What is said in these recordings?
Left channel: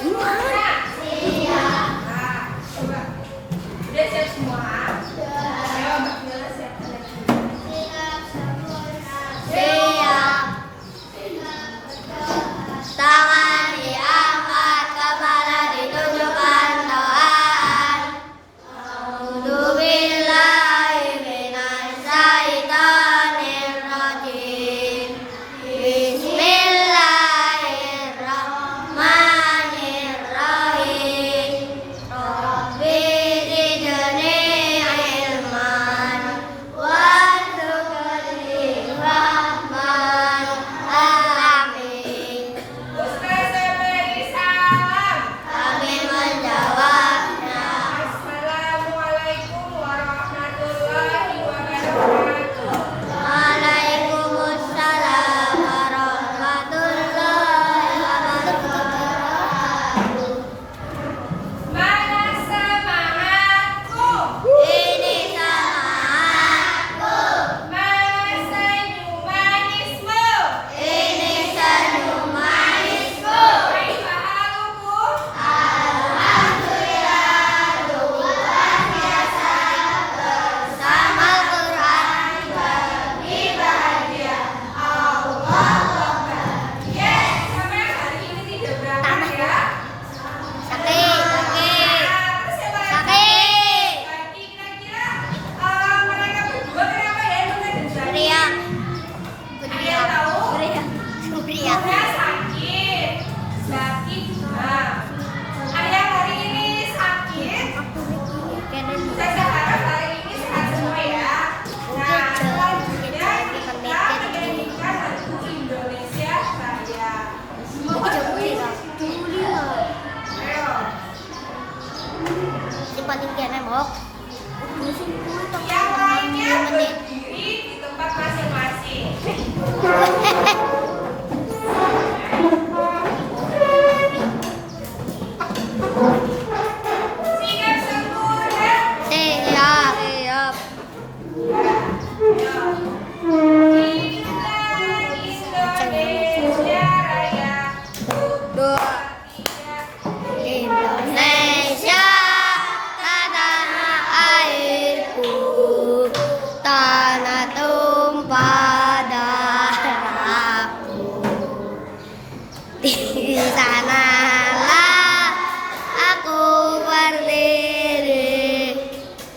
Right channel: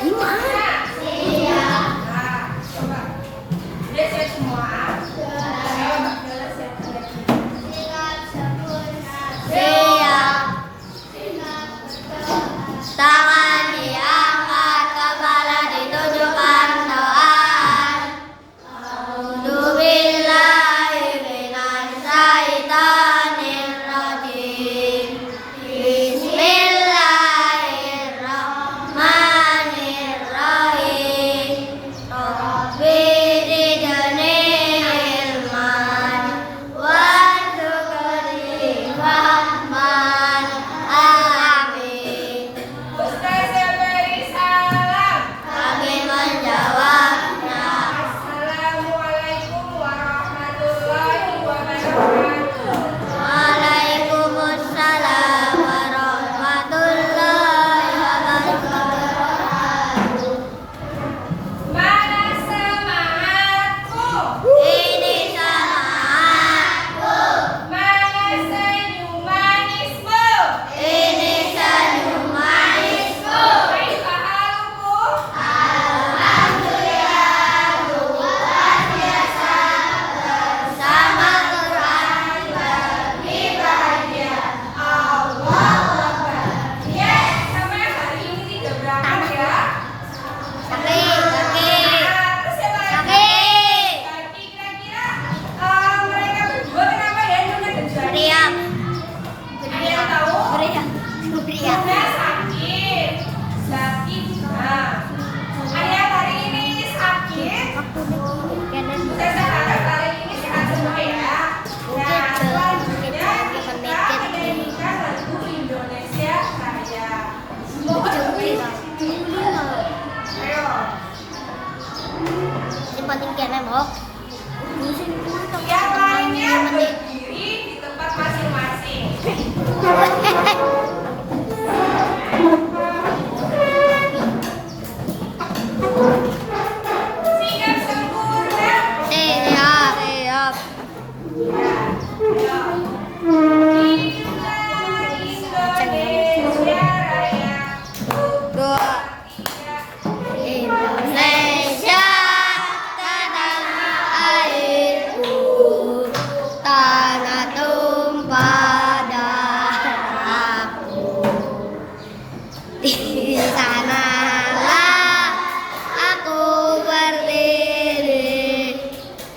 Gimana? Iya. Nah, coba. Udah siap semua? Ayo, Mbak Viola siap lagi. Siap. Tangan diangkat, kepala ditundukkan, doaan. A'udzubillahi minasyaitonirrajim. Bismillahirrahmanirrahim. Rabbi zidni ilman warzuqni fahman. Amin. Ustazah beri salam. Kami menjawabnya. Assalamualaikum warahmatullahi wabarakatuh. Waalaikumsalam warahmatullahi wabarakatuh. Mana semangatku? Ini semangatku. Mana senyum manismu? Ini senyum manismu. Kaifa halukum? Alhamdulillah, luar biasa bersama Tuhan kami bahagia. Allahu Akbar. Yes, sampai hari ini tidak berangkat ya. Sakit, sakit, Terus siapa lagi? sakit. Lagi kira-kira mereka berdua kenapa ya nunggu dan Meriam. Ada yang tahu? Meriam. Dia sakit. Sakit. Nah, ayah hari ini sakit. Saya harap hari ini sehat semua ya. Nah, selanjutnya kita menyanyikan lagu Indonesia Raya. Semoga Iya. Ayo. Paling kena mok. Yang lainnya berdiri di tempat masing-masing. Siap sempurna. Siap, siap. Inilah Indonesia Raya. Dua. Tiga. Indonesia tanah airku, tanah tumpah darahku. Di sanalah aku berdiri,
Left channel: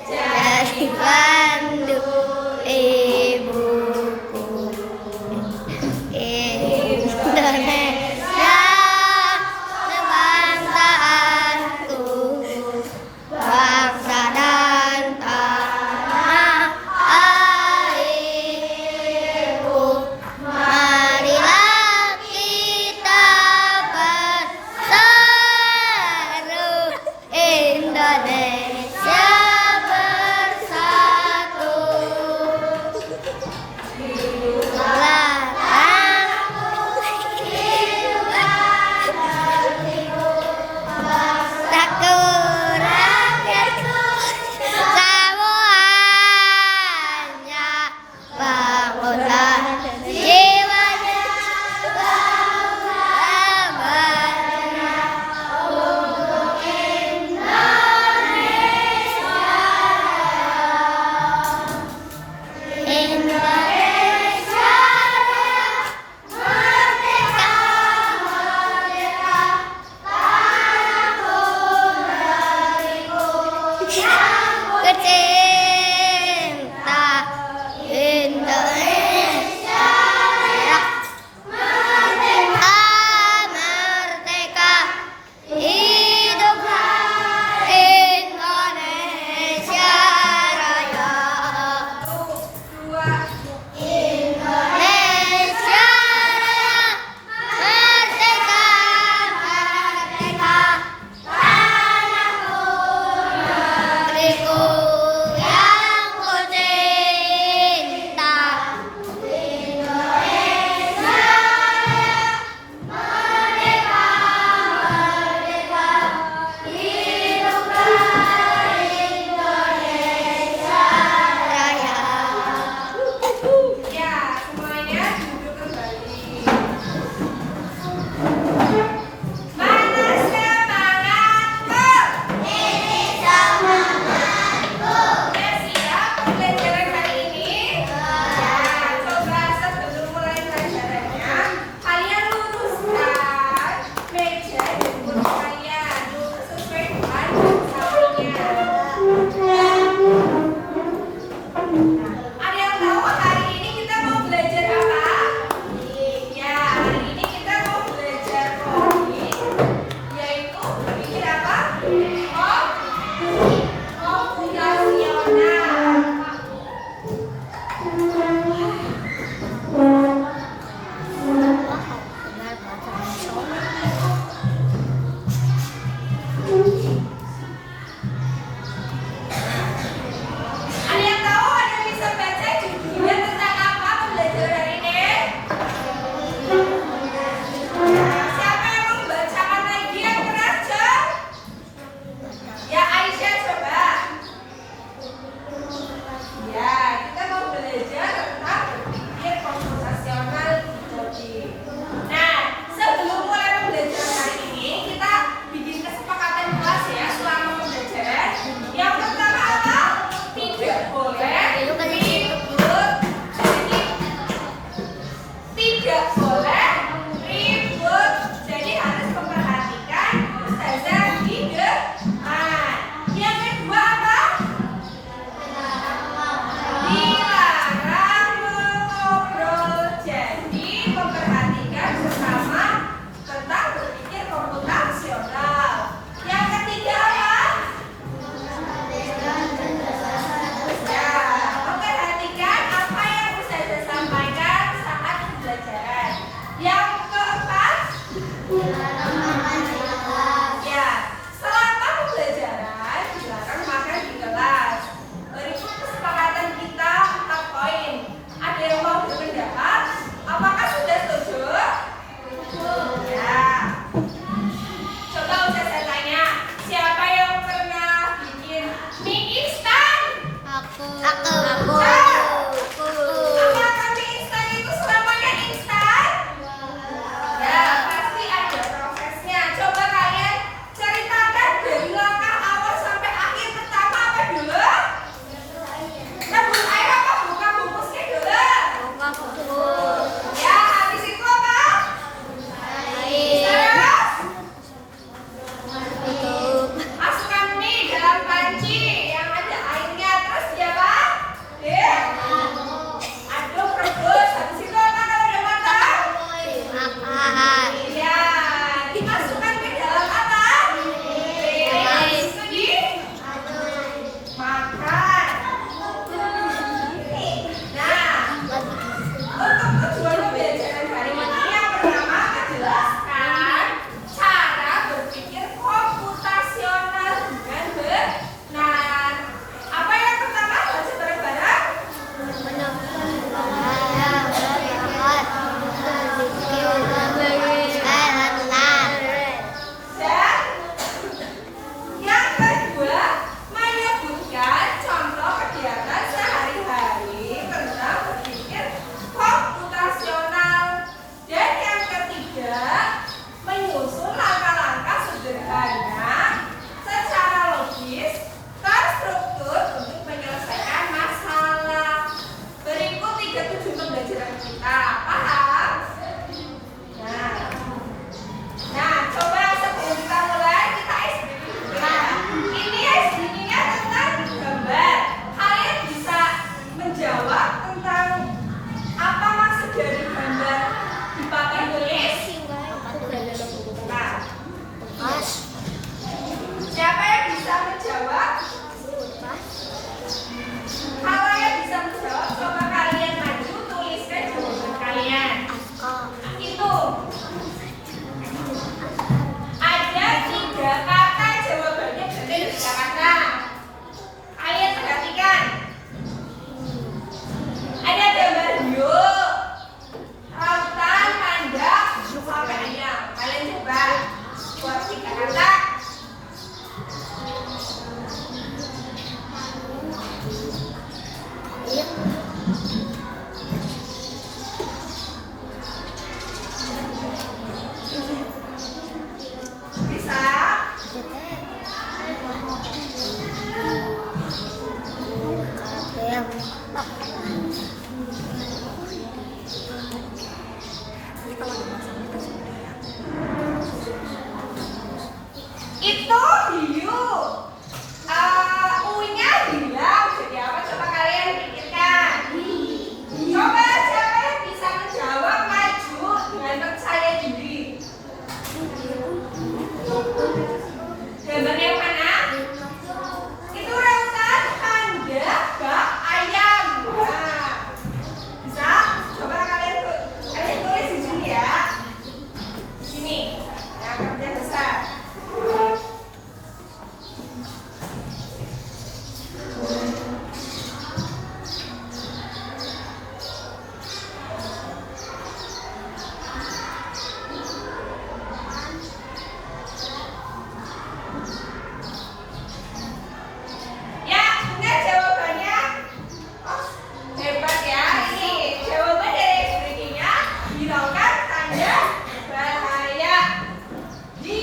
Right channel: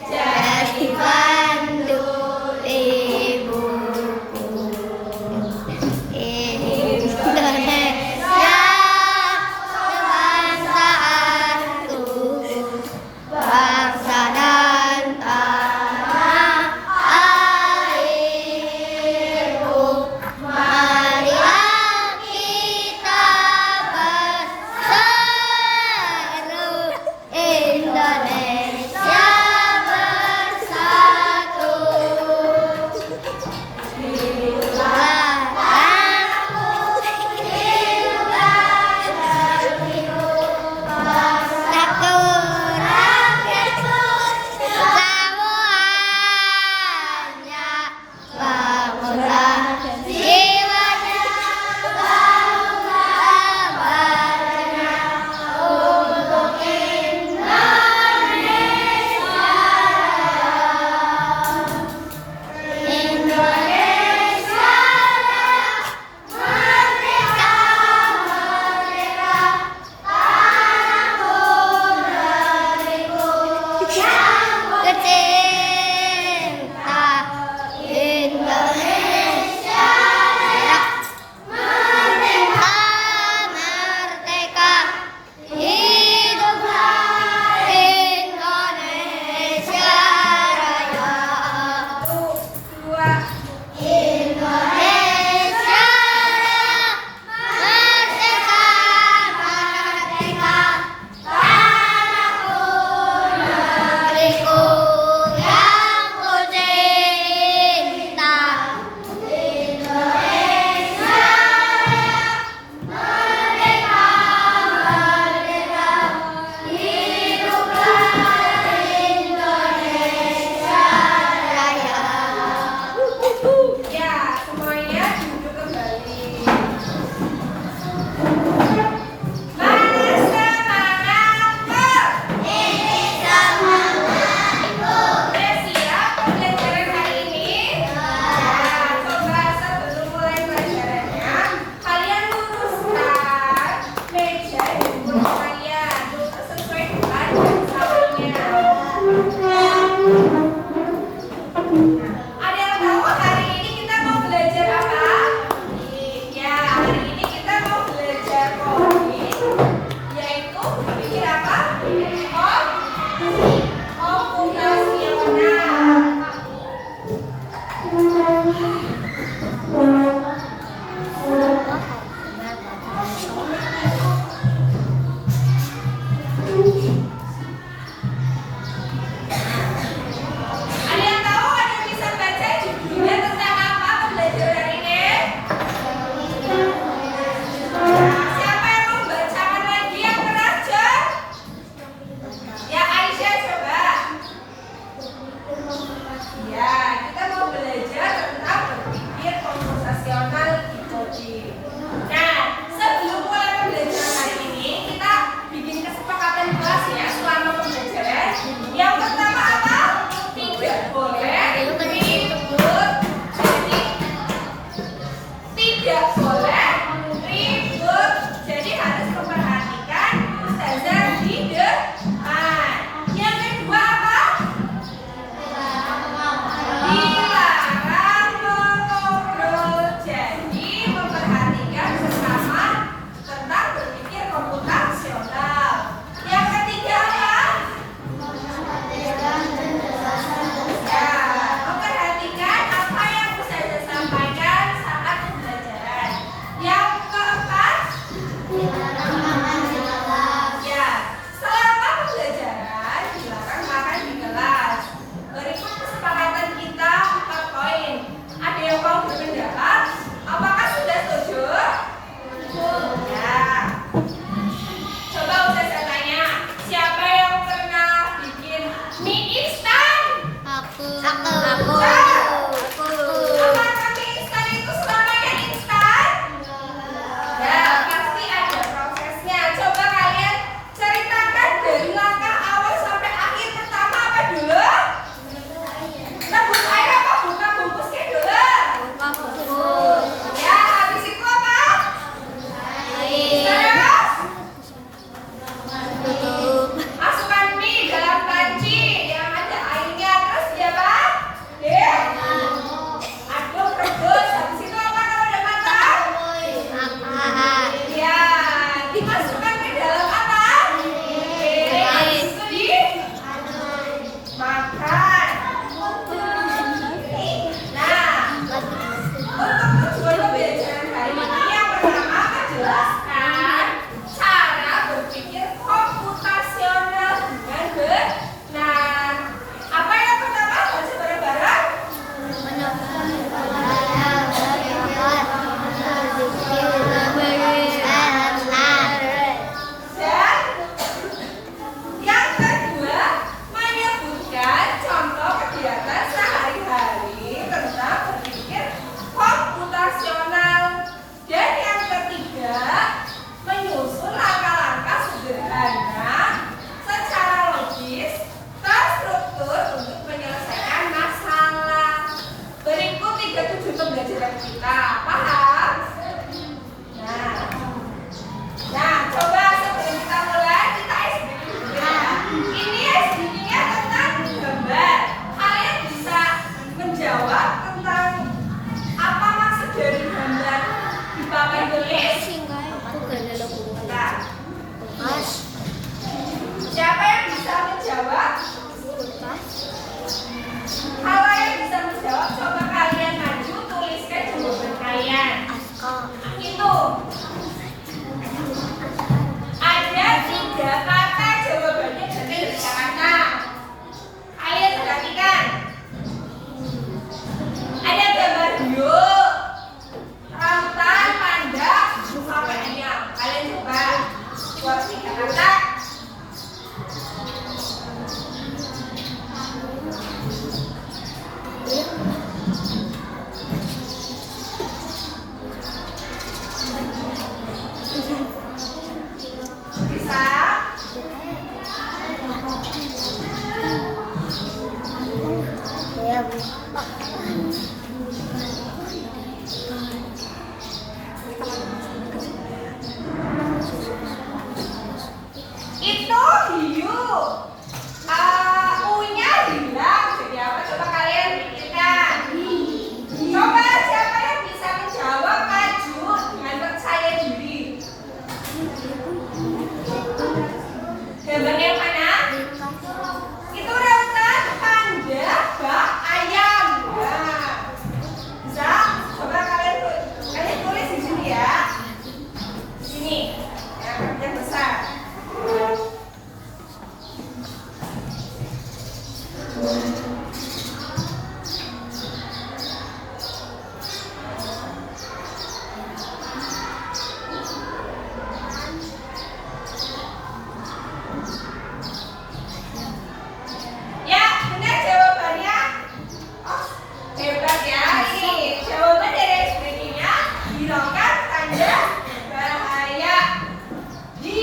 jadi bantu ibuku. Indonesia kebangsaanku, bangsa dan tanah airku. Marilah kita bersatu Coba Ustazah tanya, siapa yang pernah bikin mie instan? Aku. Apakah mie instan itu selamanya instan? Ya, pasti ada prosesnya. Coba kalian ceritakan dari langkah awal sampai akhir. Pertama apa dulu? Rebus air apa buka bungkusnya dulu? Ya, habis itu apa? Terus masukkan mie dalam panci yang ada airnya. Terus dia apa? Aduk, rebus. Habis itu apa kalau udah matang? Ya, dimasukkan ke dalam apa? Piring. Habis itu dimakan. Nah, untuk tujuan pembelajaran hari ini yang pertama menjelaskan cara berpikir komputasional dengan benar. Apa yang pertama? Baca bareng-bareng. Dan yang kedua, menyebutkan contoh kegiatan sehari-hari tentang berpikir komputasional. Dan yang ketiga, menyusun langkah-langkah sederhana secara logis terstruktur untuk menyelesaikan masalah. Berikut 37 pembelajaran kita. Paham? Nah, coba sebelum kita mulai, kita SBQ dulu ya. Ini SBQ-nya tentang gambar. Kalian bisa menjawab tentang apa maksud dari gambar di papan tulis? Nah, siapa yang bisa menjawab? Kalau yang bisa menjawab, coba kalian maju, tuliskan jawaban kalian. Itu ada 3 kata jawabannya benar 3 kata. Kalian perhatikan. Ada gambar hiu, rambutan, panda, sampai ayam. Kalian coba buat 3 kata. Bisa? Itu hiu. U-nya hilang. Jadi apa? Coba kalian pikirkan. Coba siapa yang bisa menjawab, maju dengan percaya diri. Gambar yang mana? Itu rambutan, panda, bak, ayam. Nah, bisa? Coba kalian tulis di sini ya. Di sini. Ya, yang besar. Ya, benar jawabannya. Oh, hebat ya. Ini jawaban dari SBQ-nya. Hiraukan tanda bahaya. Di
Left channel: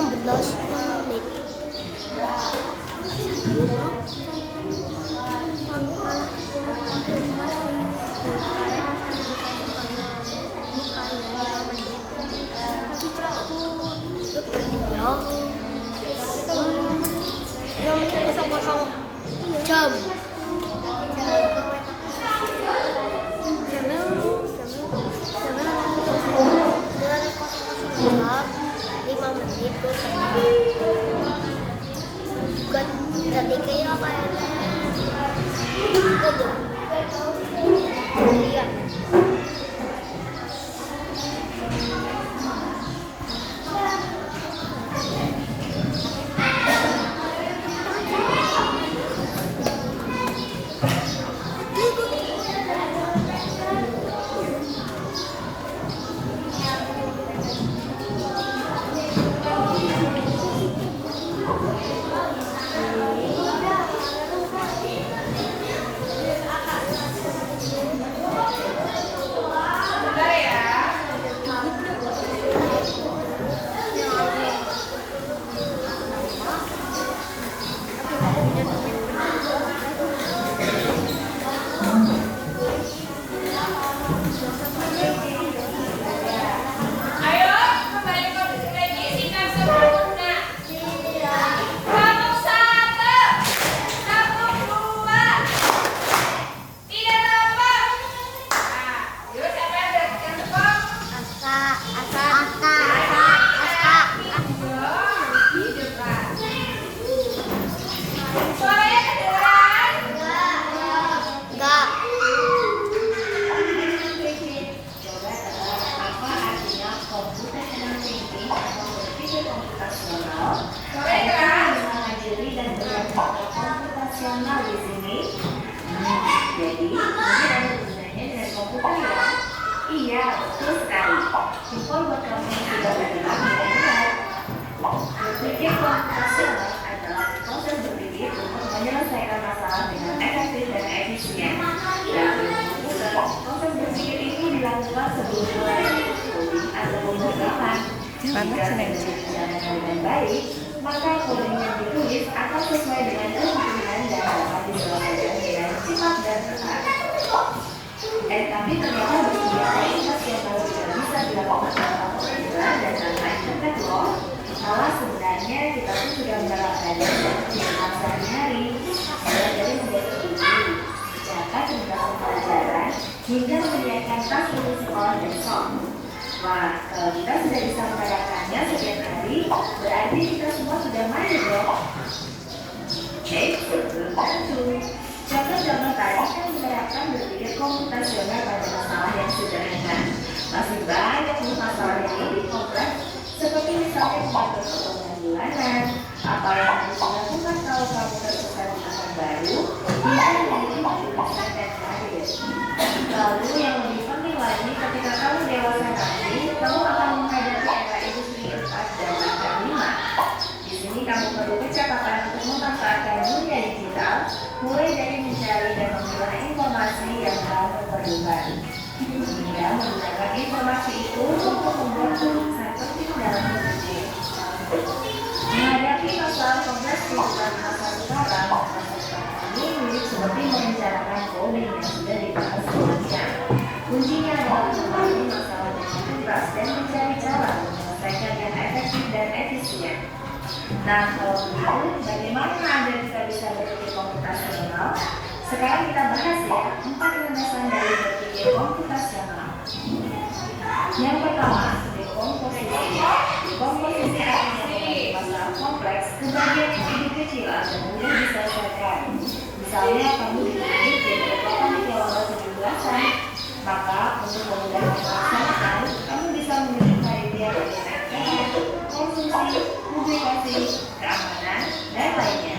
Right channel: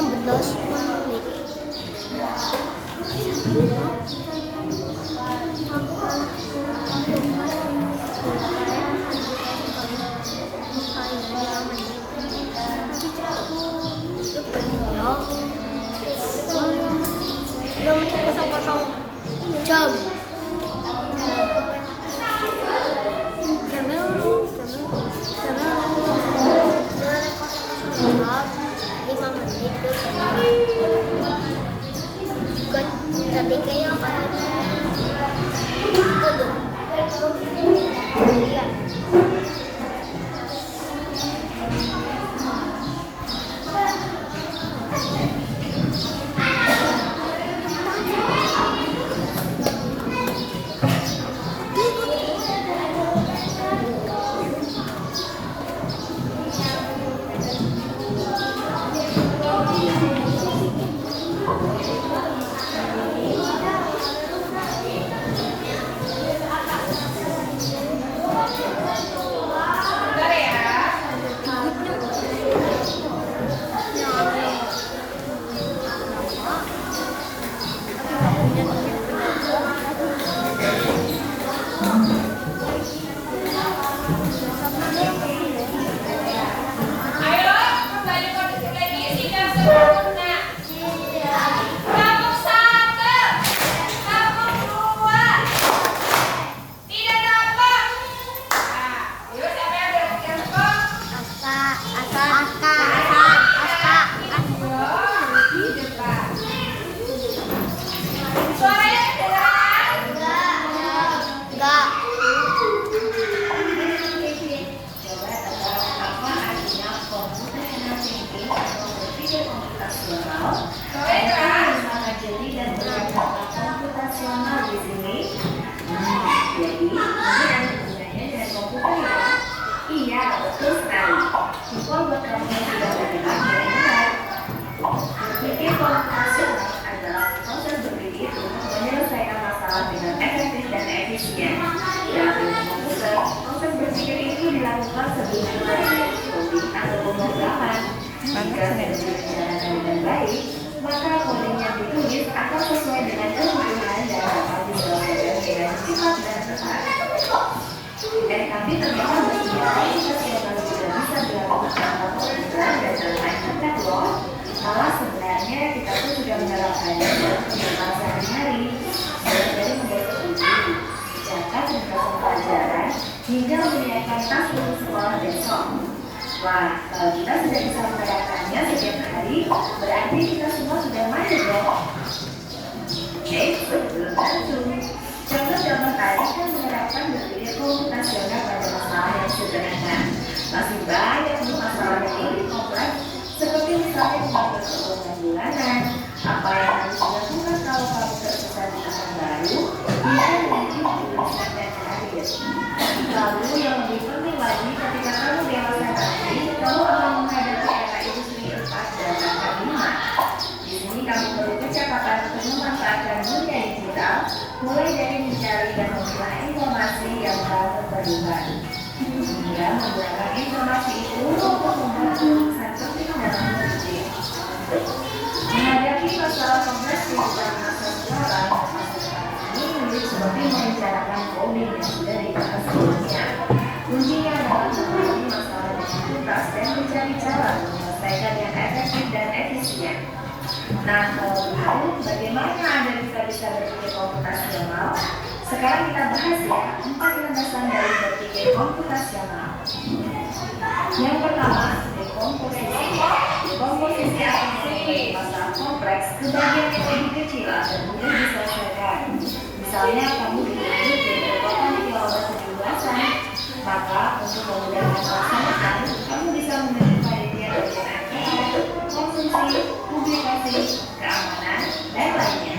16 menit. Jam. Tapi kayak apa? Iya. Bentar ya. Ayo, kembali kondisi lagi. Sikap sempurna. Kampung 1, kampung 2. Tidak nampak. Nah, yuk siapa yang berarti tepuk? Di depan. Suaranya kedengeran? Enggak. Suaranya keras. Komputasional di sini. Jadi, ini ada gunanya dari komputer ya? Iya, betul sekali. Info buat kamu yang sudah belajar mulai. Berpikir komputasional adalah proses berpikir untuk menyelesaikan masalah dengan efektif dan efisien. Dan dalam komputer, proses berpikir itu dilakukan sebelum mulai coding atau pemrograman. Jika berjalan dengan baik, maka kode yang ditulis akan sesuai dengan kebutuhan dan dapat dibawa dengan cepat dan tepat. Tapi ternyata meskipun profesional tidak bisa dilakukan tanpa pengetahuan dan bermain loh, malah sebenarnya kita pun sudah menerapkannya dalam kehidupan sehari-hari, mulai dari membuat studi, mencatat tugas pelajaran, hingga menyiapkan tas untuk sekolah besok. Wah, kalau kita sudah bisa menerapkannya setiap hari, berarti kita semua sudah mandiri dong. Belum tentu. Contoh-contoh tadi kan menerapkan berpikir komputasional pada masalah yang sederhana. Masih banyak nih masalah yang lebih kompleks, seperti misalnya mengatur keuangan bulanan, apa yang harus dilakukan kalau kamu tersesat di tempat baru, hingga menjadi tulisan dan karir. Lalu yang lebih penting lagi, ketika kamu dewasa nanti, kamu akan menghadapi era industri 4 dan 5. Di sini kamu perlu kecakapan untuk memanfaatkan dunia digital, mulai dari mencari dan memilah informasi yang telah terperlukan, hingga menggunakan informasi itu untuk membuat keputusan penting dalam hidup. Menghadapi masalah kompleks kehidupan masa sekarang, ini mirip seperti merencanakan coding yang sudah dibahas sebelumnya. Kuncinya adalah menghadapi masalah dengan tuntas dan mencari cara menyelesaikan yang efektif dan efisien. Nah, kalau begitu, bagaimana Anda bisa berpikir komputasional? Sekarang kita bahas ya, 4 landasan dari berpikir komputasional. Yang pertama, dekomposisi. Dekomposisi akan menjadi masalah kompleks ke bagian yang lebih kecil dan mudah diselesaikan. Misalnya, kamu dituntut jadi kekuatan kilowatt sebelasan, maka untuk memudahkan pelaksanaan, kamu bisa menyebutkan dia dengan konsumsi, publikasi, keamanan, dan lainnya.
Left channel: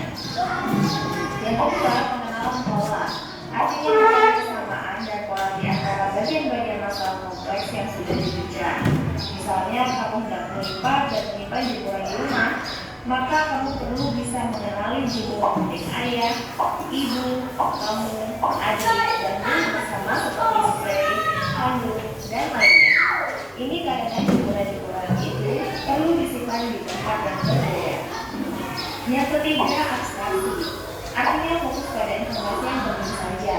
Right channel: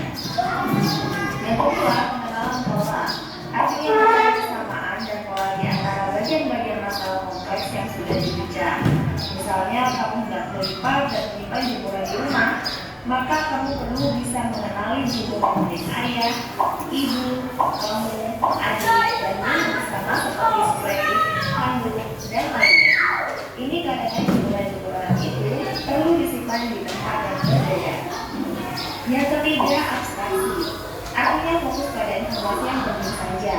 Yang kedua, pengenalan pola. Artinya mencari kesamaan dan pola di antara bagian-bagian masalah kompleks yang sudah dibicarakan. Misalnya, kamu hendak melipat dan melipat jumlah di rumah, maka kamu perlu bisa mengenali jumlah menulis ayah, ibu, kamu, adik, dan guru bersama seperti spray, handuk, dan lainnya. Ini karena jumlah itu perlu disimpan di tempat yang Yang ketiga, abstraksi. Artinya fokus pada informasi yang penting saja.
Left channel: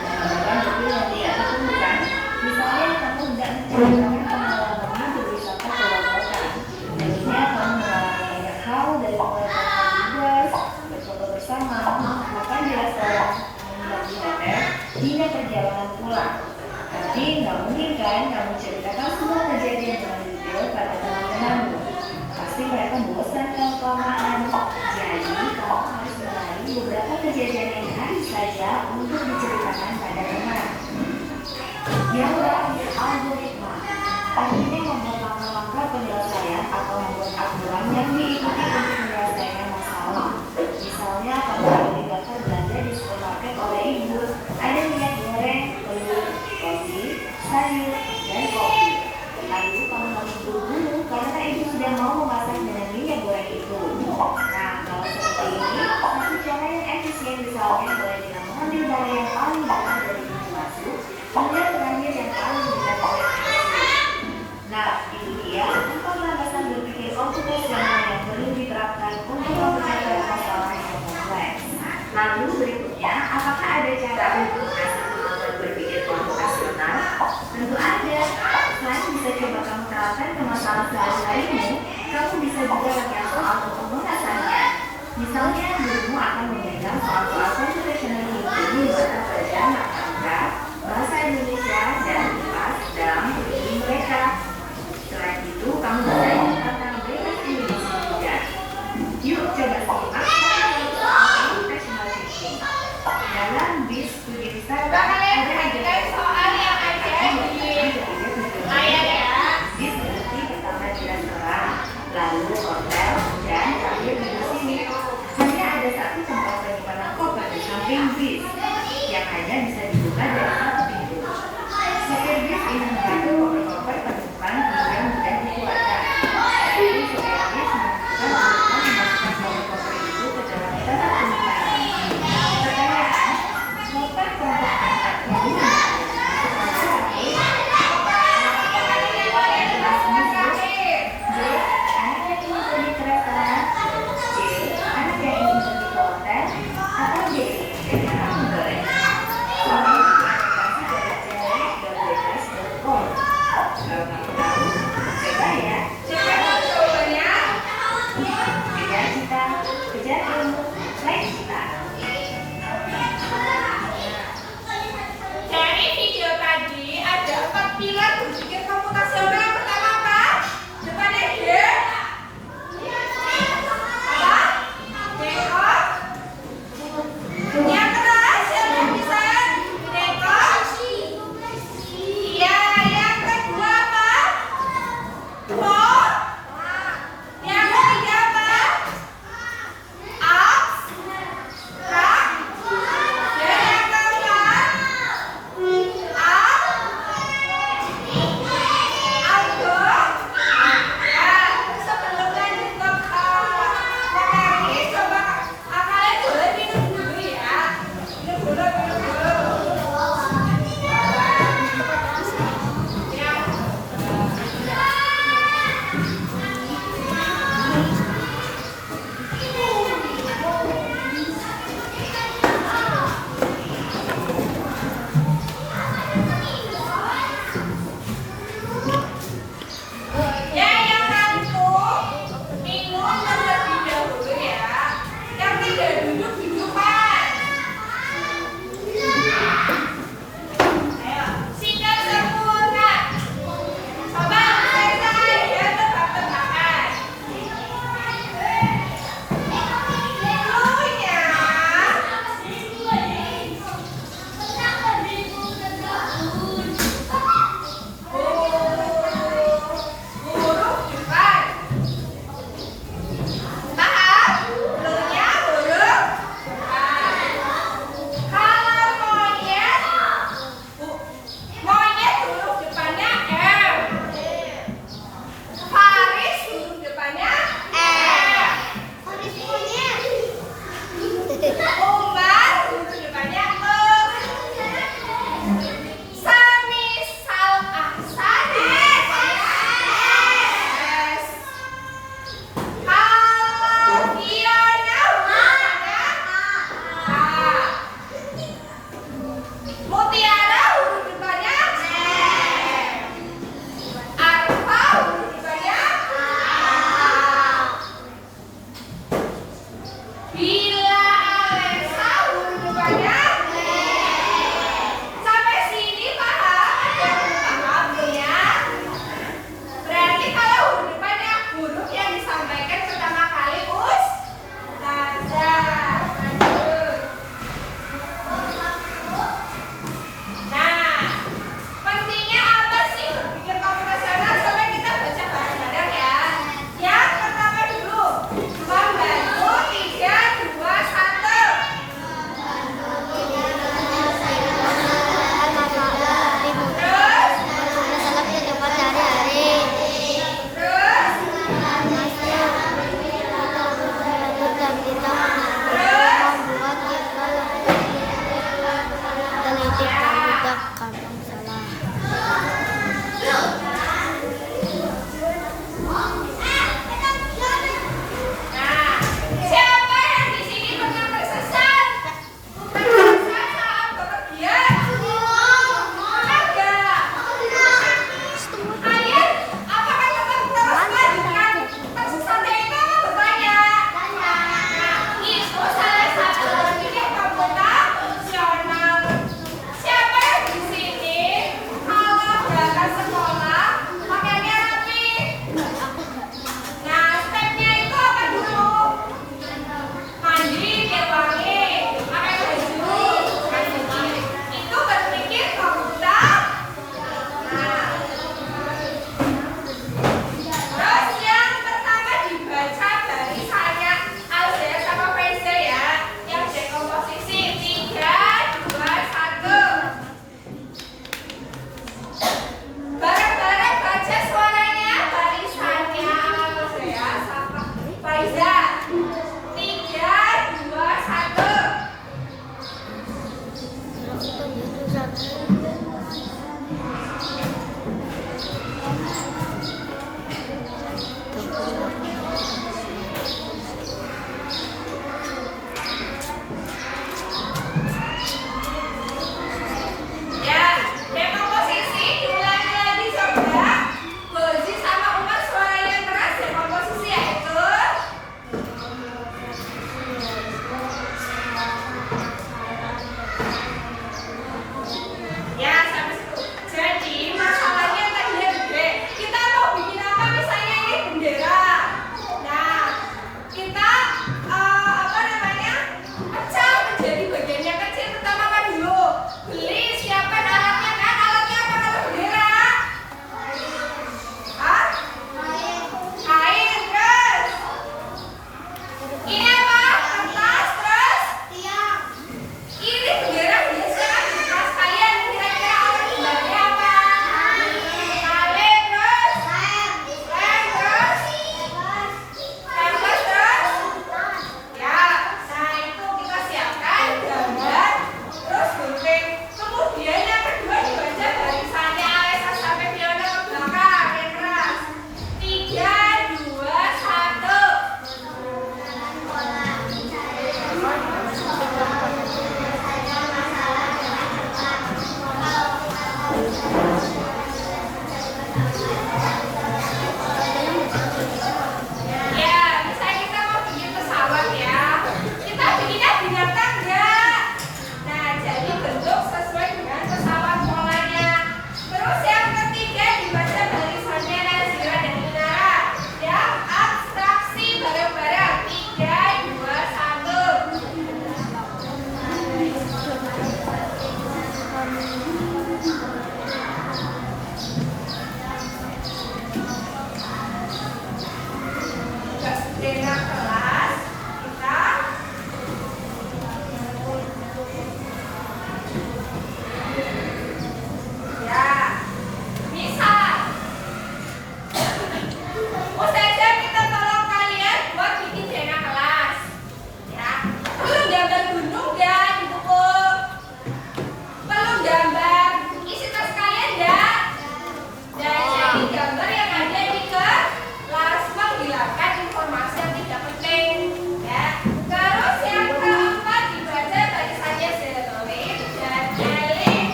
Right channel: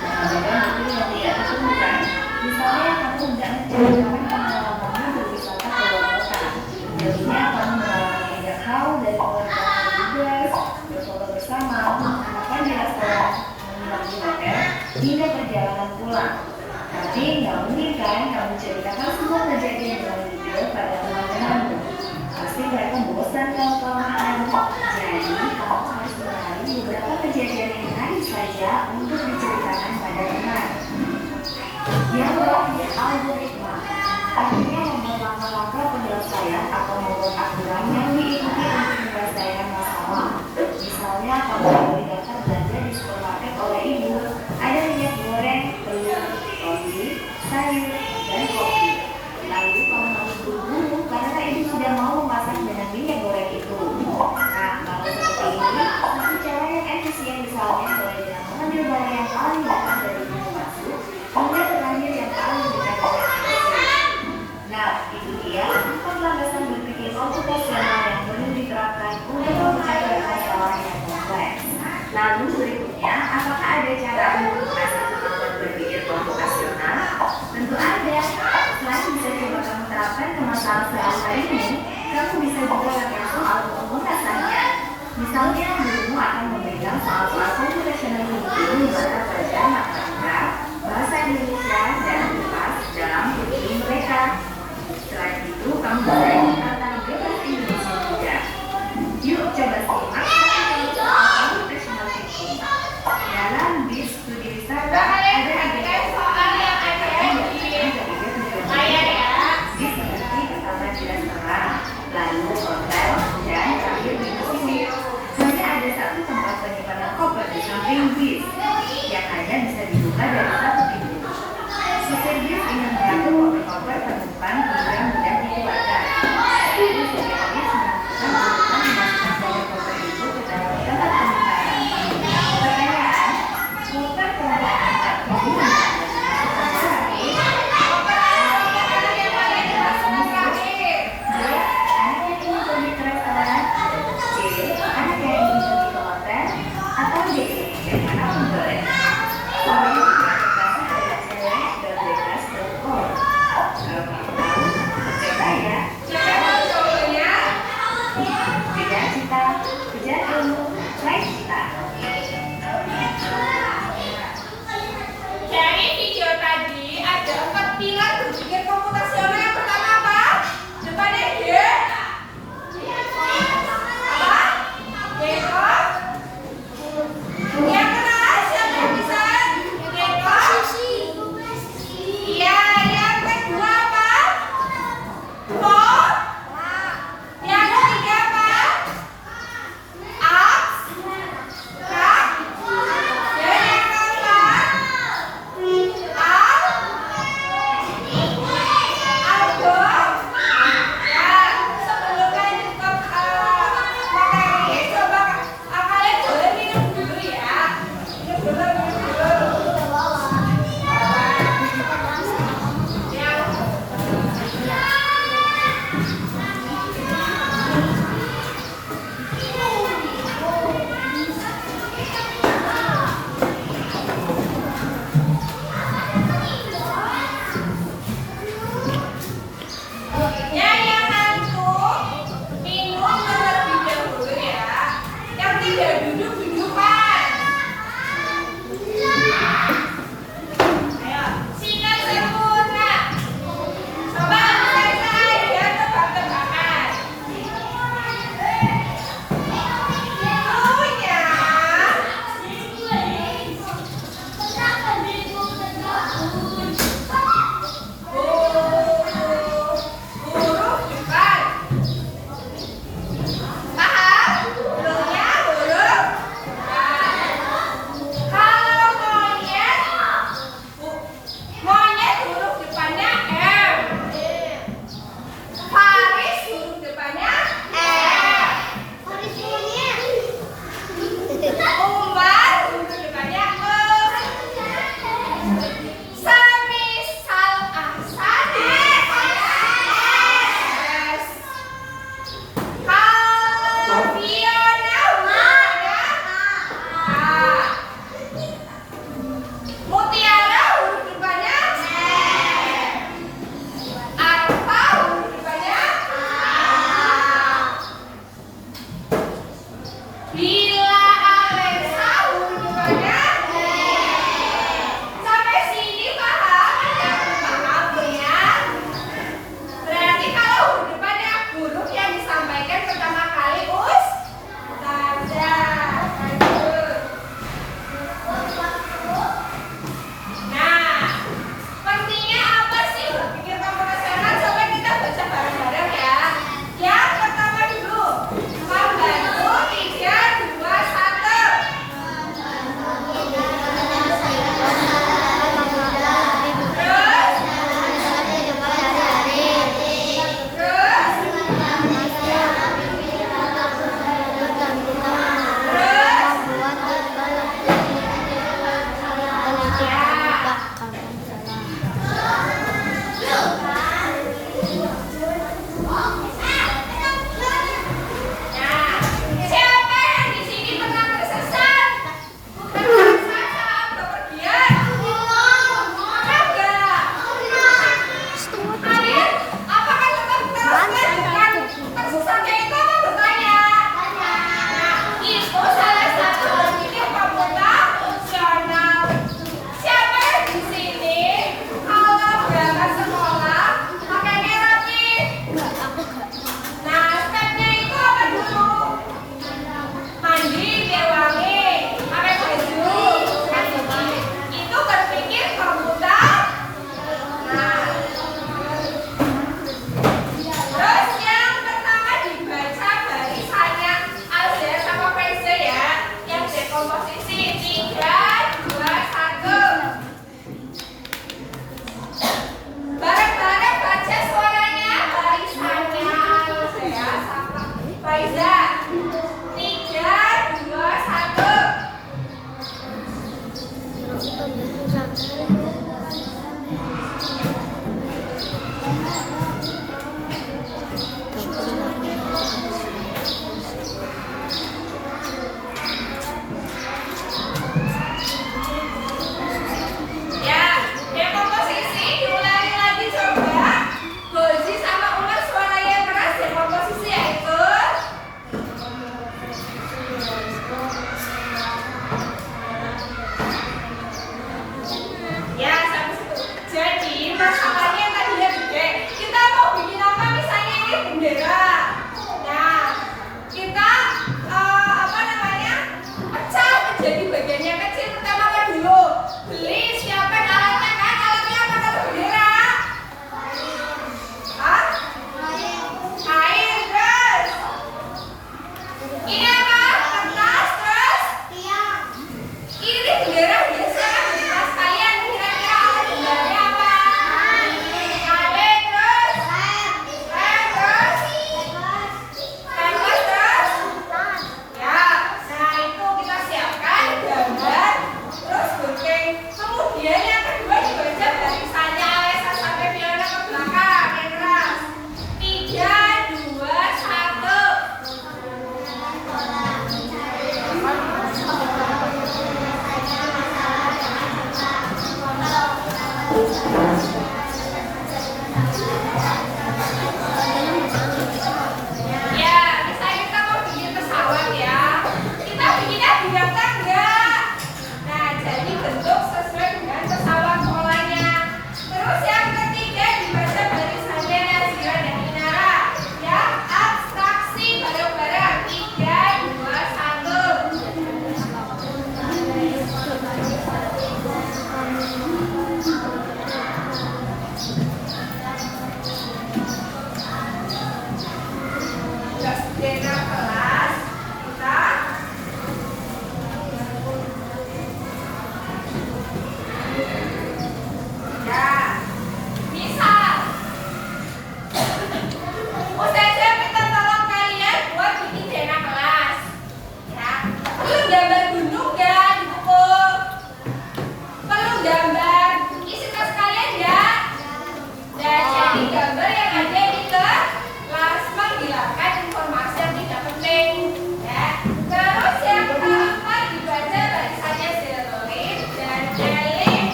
Mengabaikan detail yang tidak diperlukan. Misalnya, kamu hendak menceritakan pengalamanmu berwisata ke luar kota. Jadinya kamu mengalami indah hal dari mengeluarkan tugas, berfoto bersama, makan di restoran, menginap di hotel, hingga perjalanan pulang. Tapi nggak mungkin kan kamu ceritakan semua kejadian dengan detail pada teman-temanmu. Pasti mereka bosan kalau kelamaan. Jadi kamu harus mengenali beberapa kejadian yang menarik saja untuk diceritakan pada teman. Yang terakhir, algoritma. Artinya membuat langkah-langkah penyelesaian atau membuat aturan yang diikuti untuk menyelesaikan masalah. Misalnya, kamu baru daftar belanja di supermarket oleh ibu, ada minyak goreng, telur, roti, sayur, dan kopi. Lalu kamu harus buru-buru karena ibu sudah mau memasak dengan minyak goreng itu. Nah, kalau seperti ini, satu cara yang efisien misalnya mulai dengan mengambil barang yang paling dekat dari pintu masuk, kemudian terakhir yang paling dekat dari pintu. Nah, itu dia 4 landasan berpikir komputasional yang perlu diterapkan untuk memecahkan masalah yang kompleks. Lalu berikutnya, apakah ada cara untuk mengasah kemampuan berpikir komputasional? Tentu ada. Selain bisa coba kamu terapkan ke masalah sehari-harimu, kamu bisa juga latihan soal untuk mengasahnya. Misalnya, gurumu akan memberikan soal-soal komputasional itu di mata pelajaran matematika, bahasa Indonesia, dan IPA dalam kurikulum mereka. Selain itu, kamu bisa ikut tantangan bebas Indonesia juga. Yuk, coba simak soal computational thinking. Dalam BIS studi wisata, ada 3 soal yang BIS mengerti pertama di restoran, lalu hotel, dan terakhir di museum. Hanya ada satu tempat penyimpanan koper di samping BIS, yang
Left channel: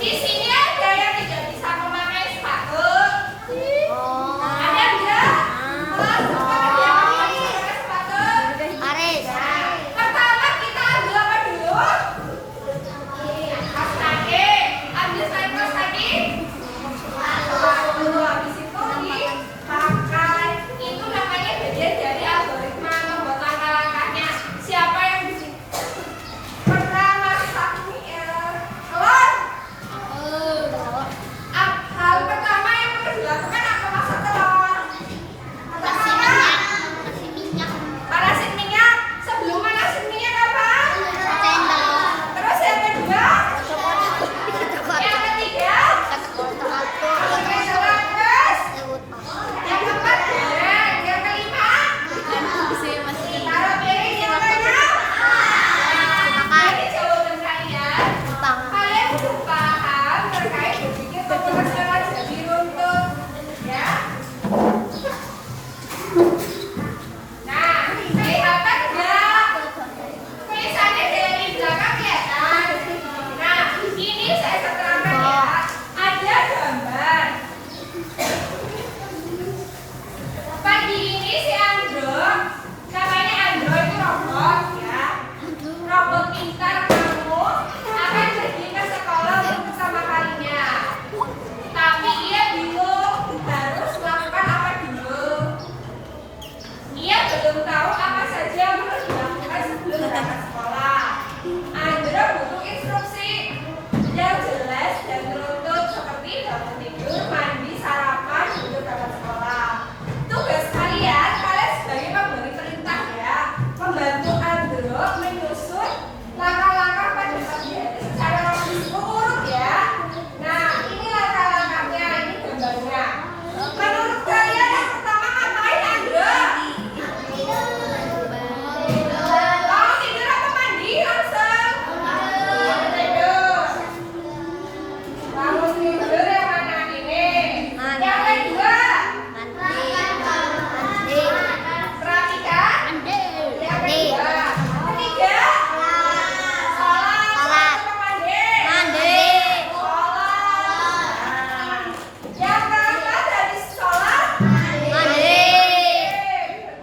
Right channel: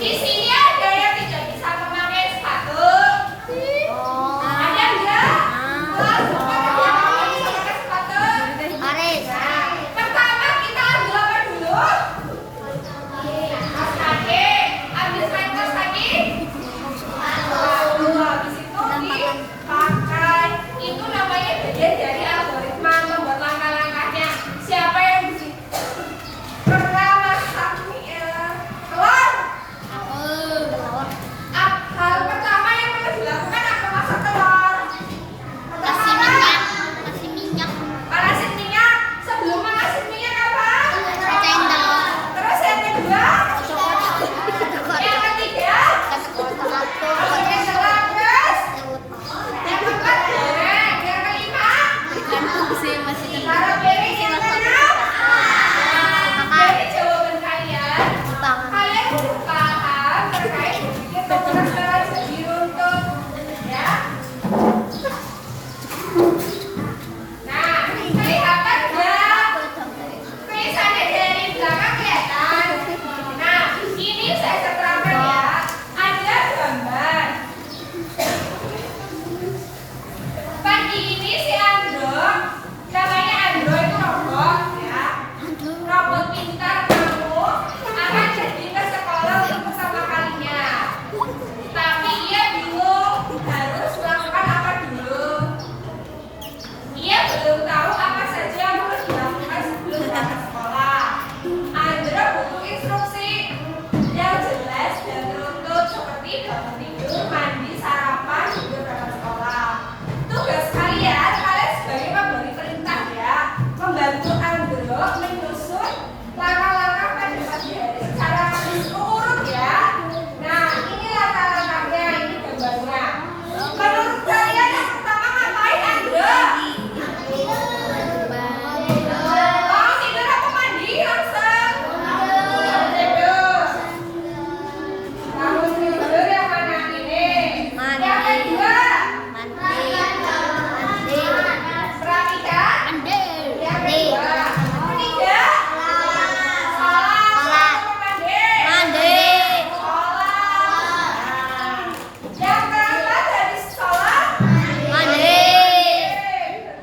Di sini ada yang tidak bisa memakai sepatu. Oh. Ada enggak? Ada yang tidak bisa pakai sepatu. Aris. Nah, pertama kita ambil apa dulu? Kaos kaki. Ambil selain kaos kaki. Lalu habis itu dipakai. Itu namanya bagian dari algoritma membuat langkah-langkahnya. Siapa yang di sini pernah masak mie telur? Hal pertama yang perlu dilakukan apa masak telur? Pertama, panasin minyak. Sebelum panasin minyak apa? Terus yang kedua? Yang ketiga? Masukin telur terus. Yang keempat goreng. Yang kelima? Taruh piring. Yang keenam? Jadi jawaban kalian, kalian cukup paham terkait berpikir bahwa sekarang jadi runtut, ya? Nah, kelihatan nggak? Tulisannya dari belakang kelihatan. Nah, ini saya terangkan ya. Ada gambar. Pagi ini si Andro, namanya Andro itu robot, ya. Robot pintar kamu akan jadi ke sekolah untuk pertama kalinya. Tapi ia bingung harus melakukan apa dulu. Ia belum tahu apa saja yang harus dilakukan sebelum berangkat sekolah. Andro butuh instruksi yang jelas dan terukur seperti bangun tidur, mandi, sarapan, sebelum berangkat sekolah. Tugas kalian sebagai pemberi perintah ya, membantu Andro menyusun langkah-langkah pada pagi hari secara urut ya. Nah, ini langkah-langkahnya, ini gambarnya. Menurut kalian yang pertama ngapain Andro? Bangun tidur apa mandi langsung? Bangun tidur. Bangun tidur yang mana ini? Yang kedua, perhatikan. Yang kedua, ketiga, sholat. Mandi. Sholat. Yang keempat habis sholat.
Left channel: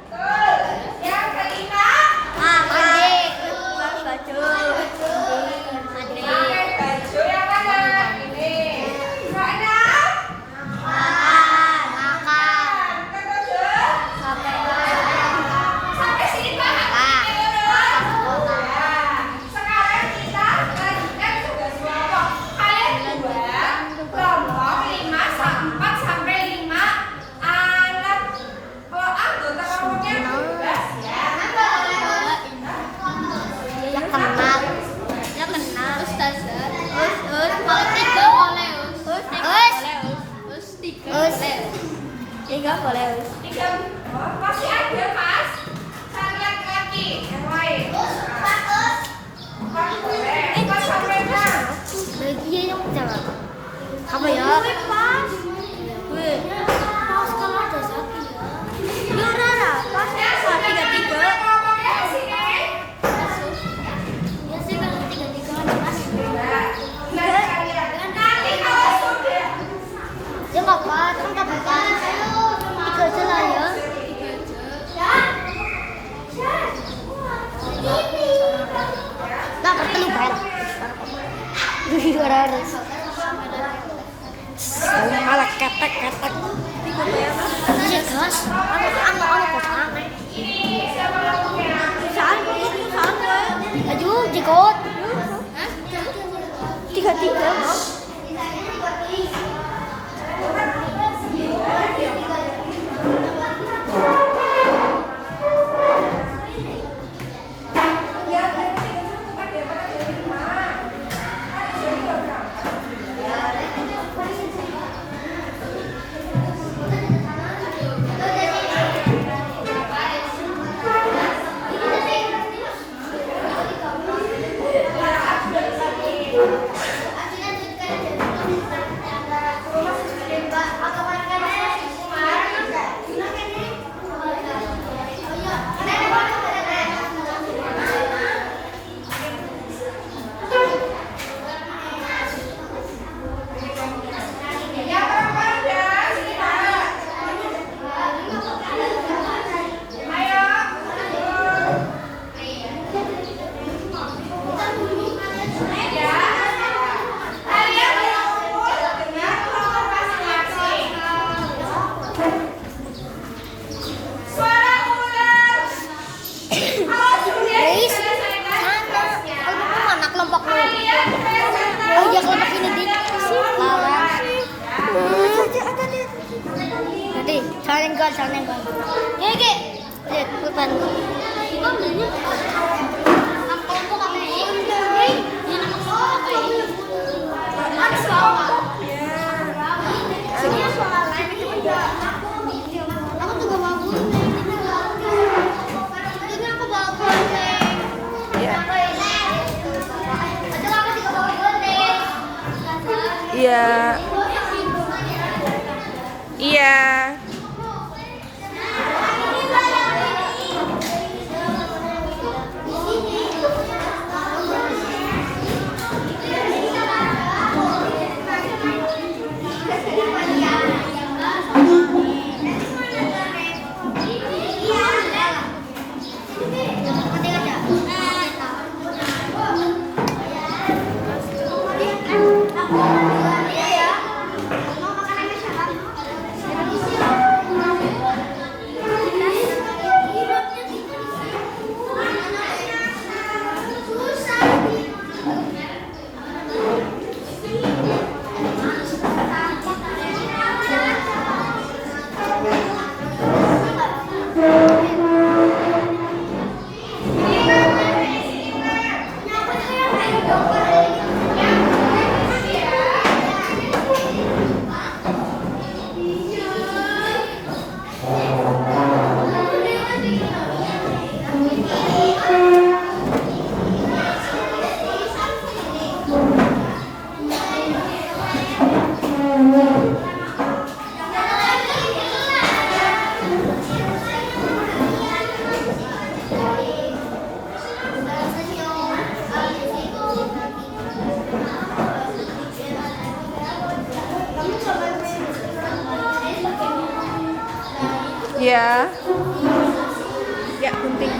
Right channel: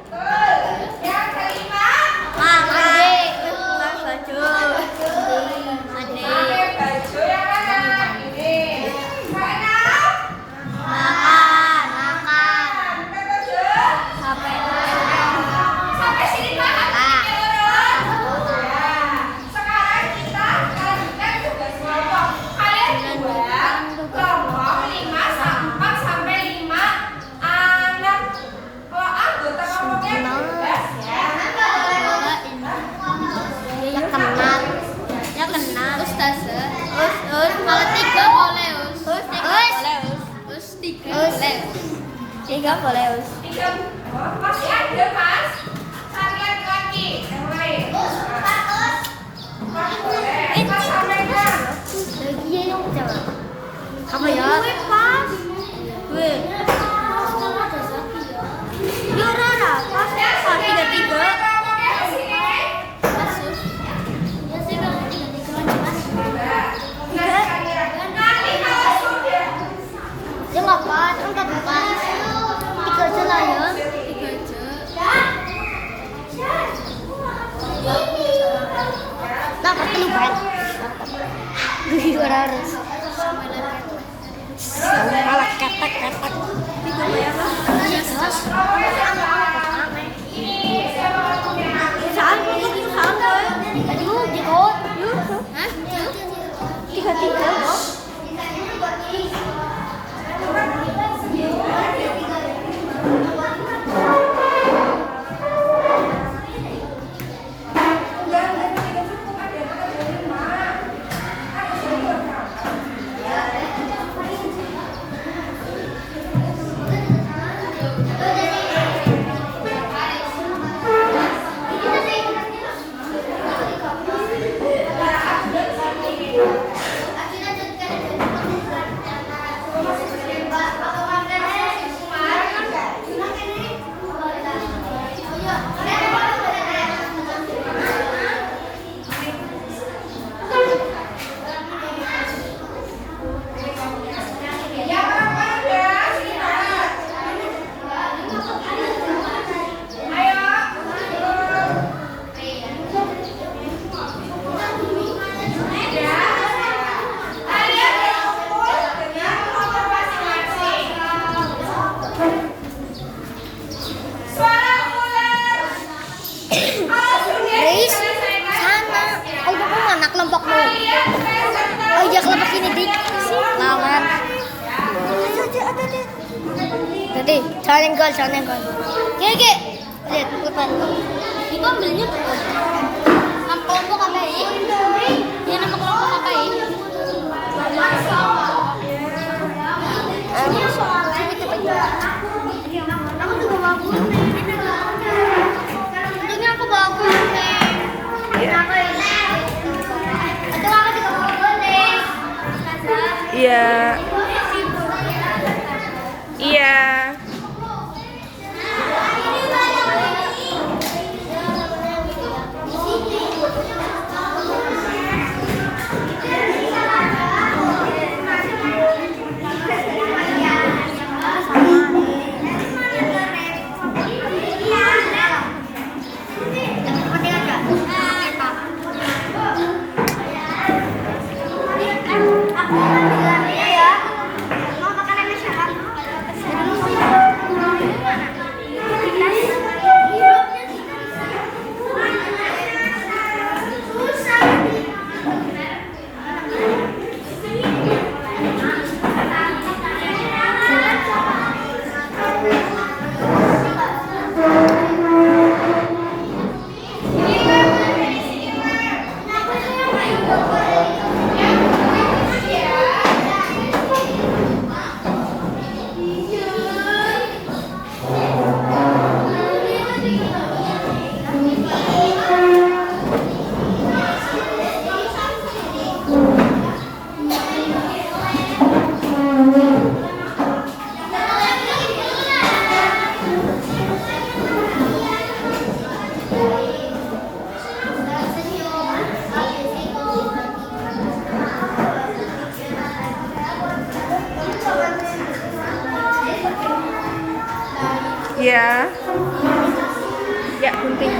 Betul. Yang kelima, pakai baju yang mana? Ini. Keenam, ketujuh. Sampai sini paham ini urut? Ya. Sekarang kita lanjutkan tugas kelompok. Kalian buat kelompok 4 sampai 5 anak. Kalau anggota kelompoknya 12 ya. Tiga boleh. Masih ada mas. Cari laki-laki yang lain. Boleh. 4 sampai 6. Apa ya? Pas. Weh. Yo Rara, pas. Tiga. Kelompoknya di sini. Nanti kalau sudah Jangan pas, kan empat. Tiga aja lah ya. Nah, ketemu ban. Harus. Malah katak. Tiga bayar lah. Iya, kelas. ini siapa kelompoknya? Saan boy. Aduh, jikot. Tiga. Jangan nenggal, jangan nenggal. Oke. Lihat depan. Itu ambilnya bukan. Nama kelompok apa ya? Ya nama kelompok apa ya? Ini soal itu kedua. Aku juga mau untungnya aku bawa gunting. Iya. Itu aku juga bawa gunting. Iya. Iya. Yang penting aja. Ya. Mau makanannya siapa? Iya. Ya, gunting.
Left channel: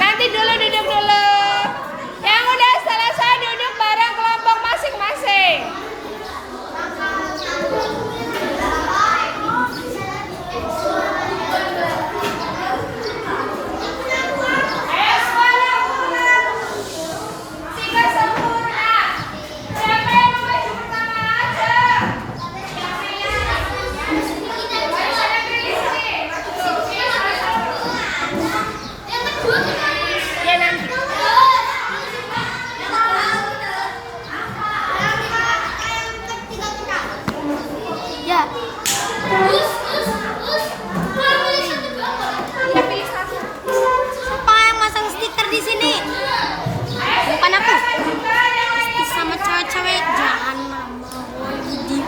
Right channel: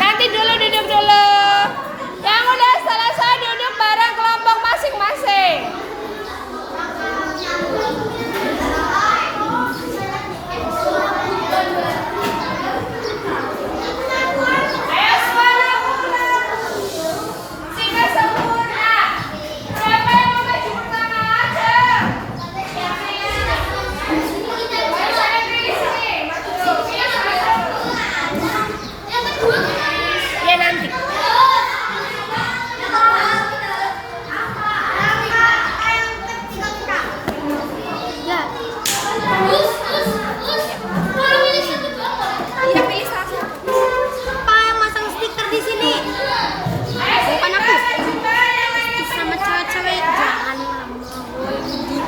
Nanti dulu duduk dulu. Yang udah selesai duduk bareng kelompok masing-masing. Ayo semuanya ulang. Sehingga sempurna. Siapa yang mau maju pertama aja? Ayo sampai tulis nih. Maju dulu. Ya nanti. Ya. Kita pilih satu. Siapa yang masang stiker di sini? Bukan aku. Sama cewek-cewek jangan di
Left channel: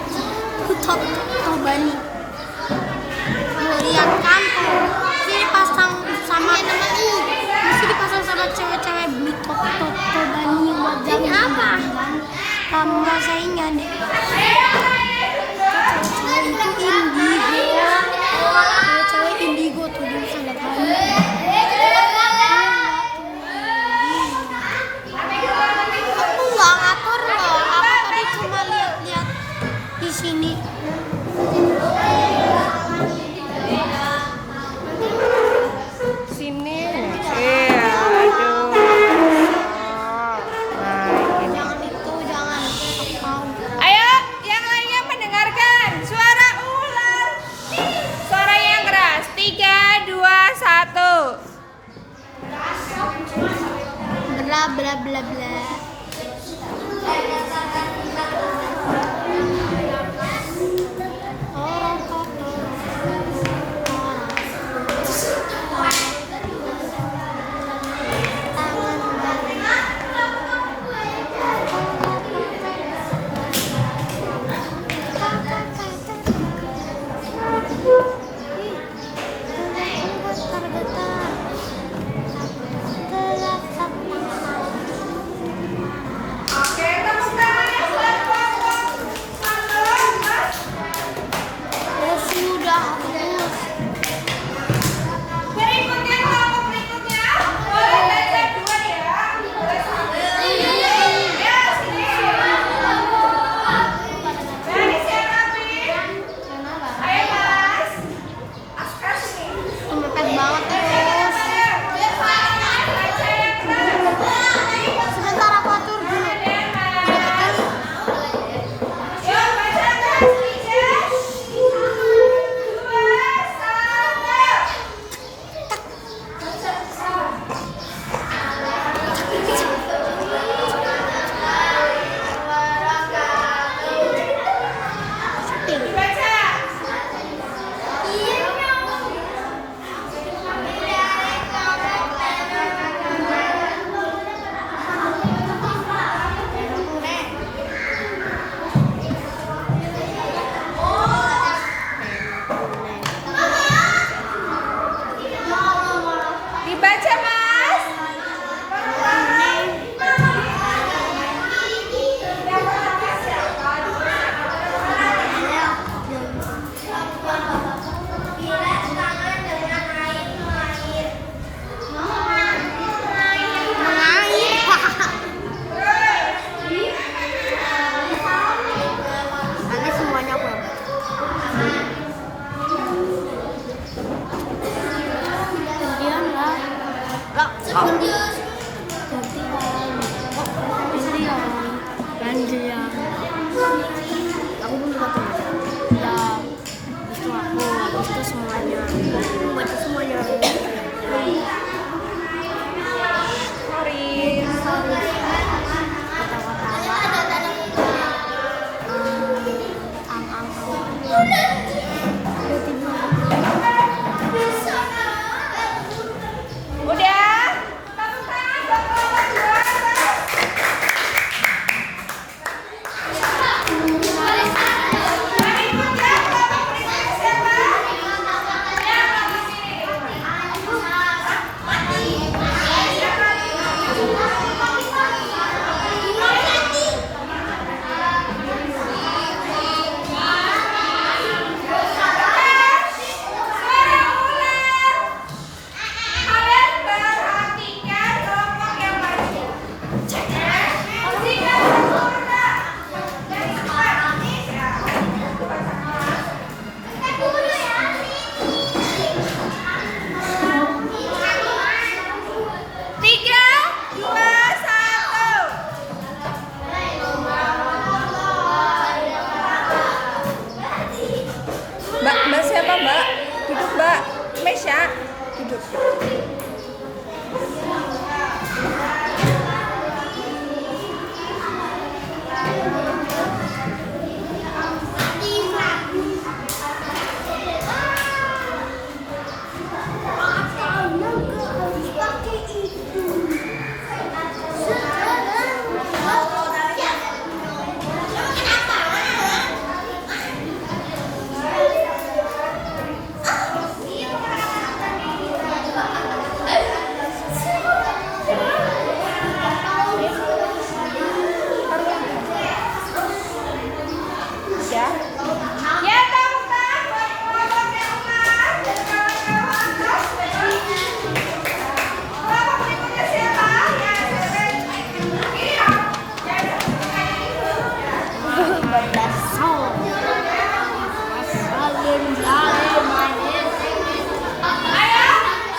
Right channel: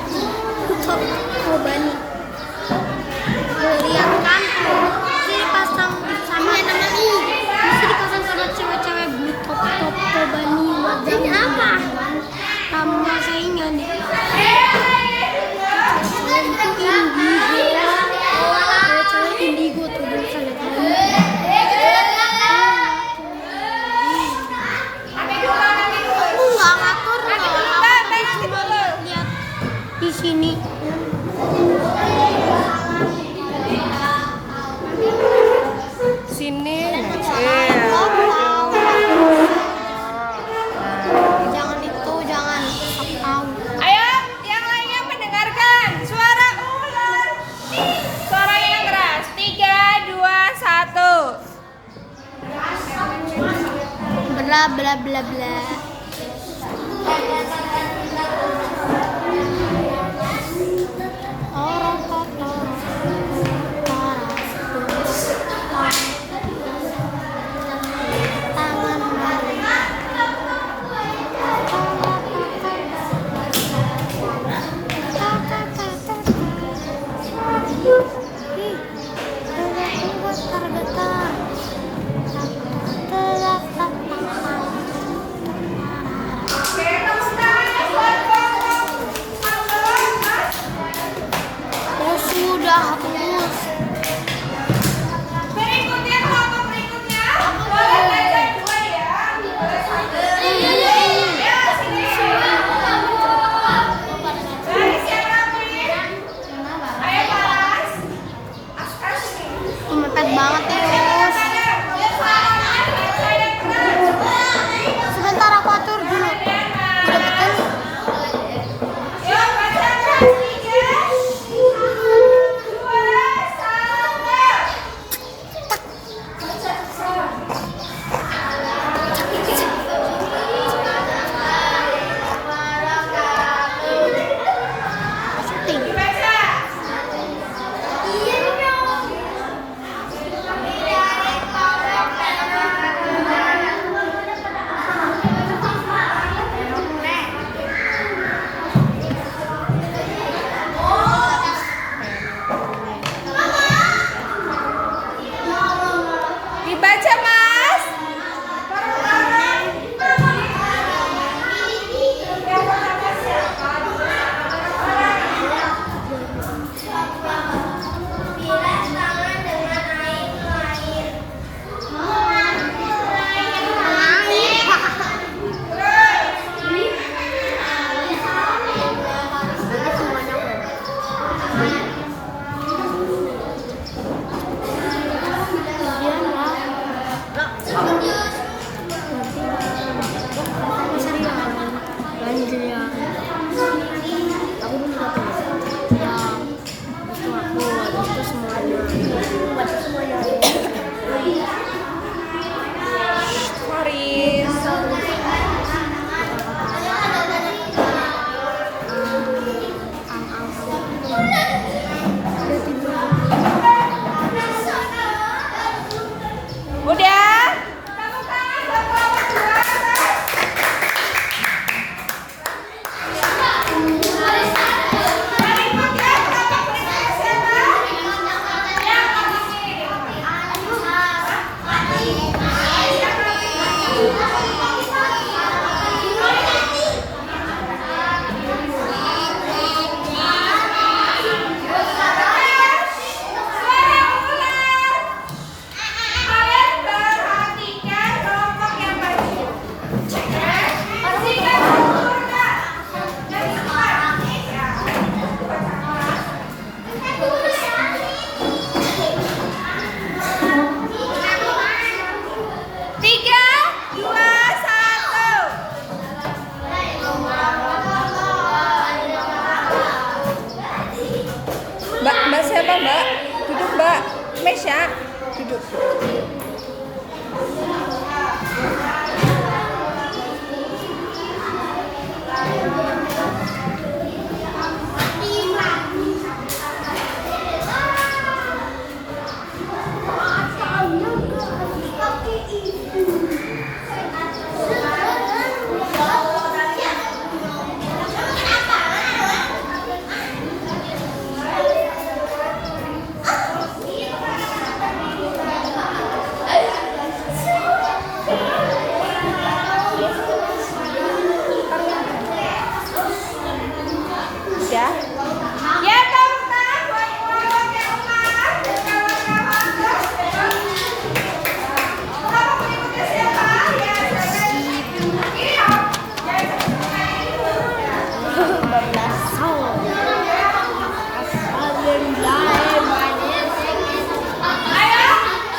Tobani. Lihat kan? Ini pasang sama nama lu. Mesti dipasang sama cewek-cewek beli top Tobani. Ini apa? Tambah saingan. Itu indigo. Cewek-cewek indigo tuh dulu saya tahu. Aku nggak ngatur loh. Aku tadi cuma lihat-lihat di sini. Sini. Jangan itu, jangan tahu. Ayo, yang lainnya mendengarkan suara ular. Suara yang keras. 3, 2, 1. Bla bla bla bla. Oke, terus duduk. Ya. Ya, Tautan, buat keluarga Umar dan kawan-kawan terus. Kelompok berikutnya siapa? Ya, cewek. Ini Om. Ya, kayak gitu. Ya. 15 tahun. Ayo,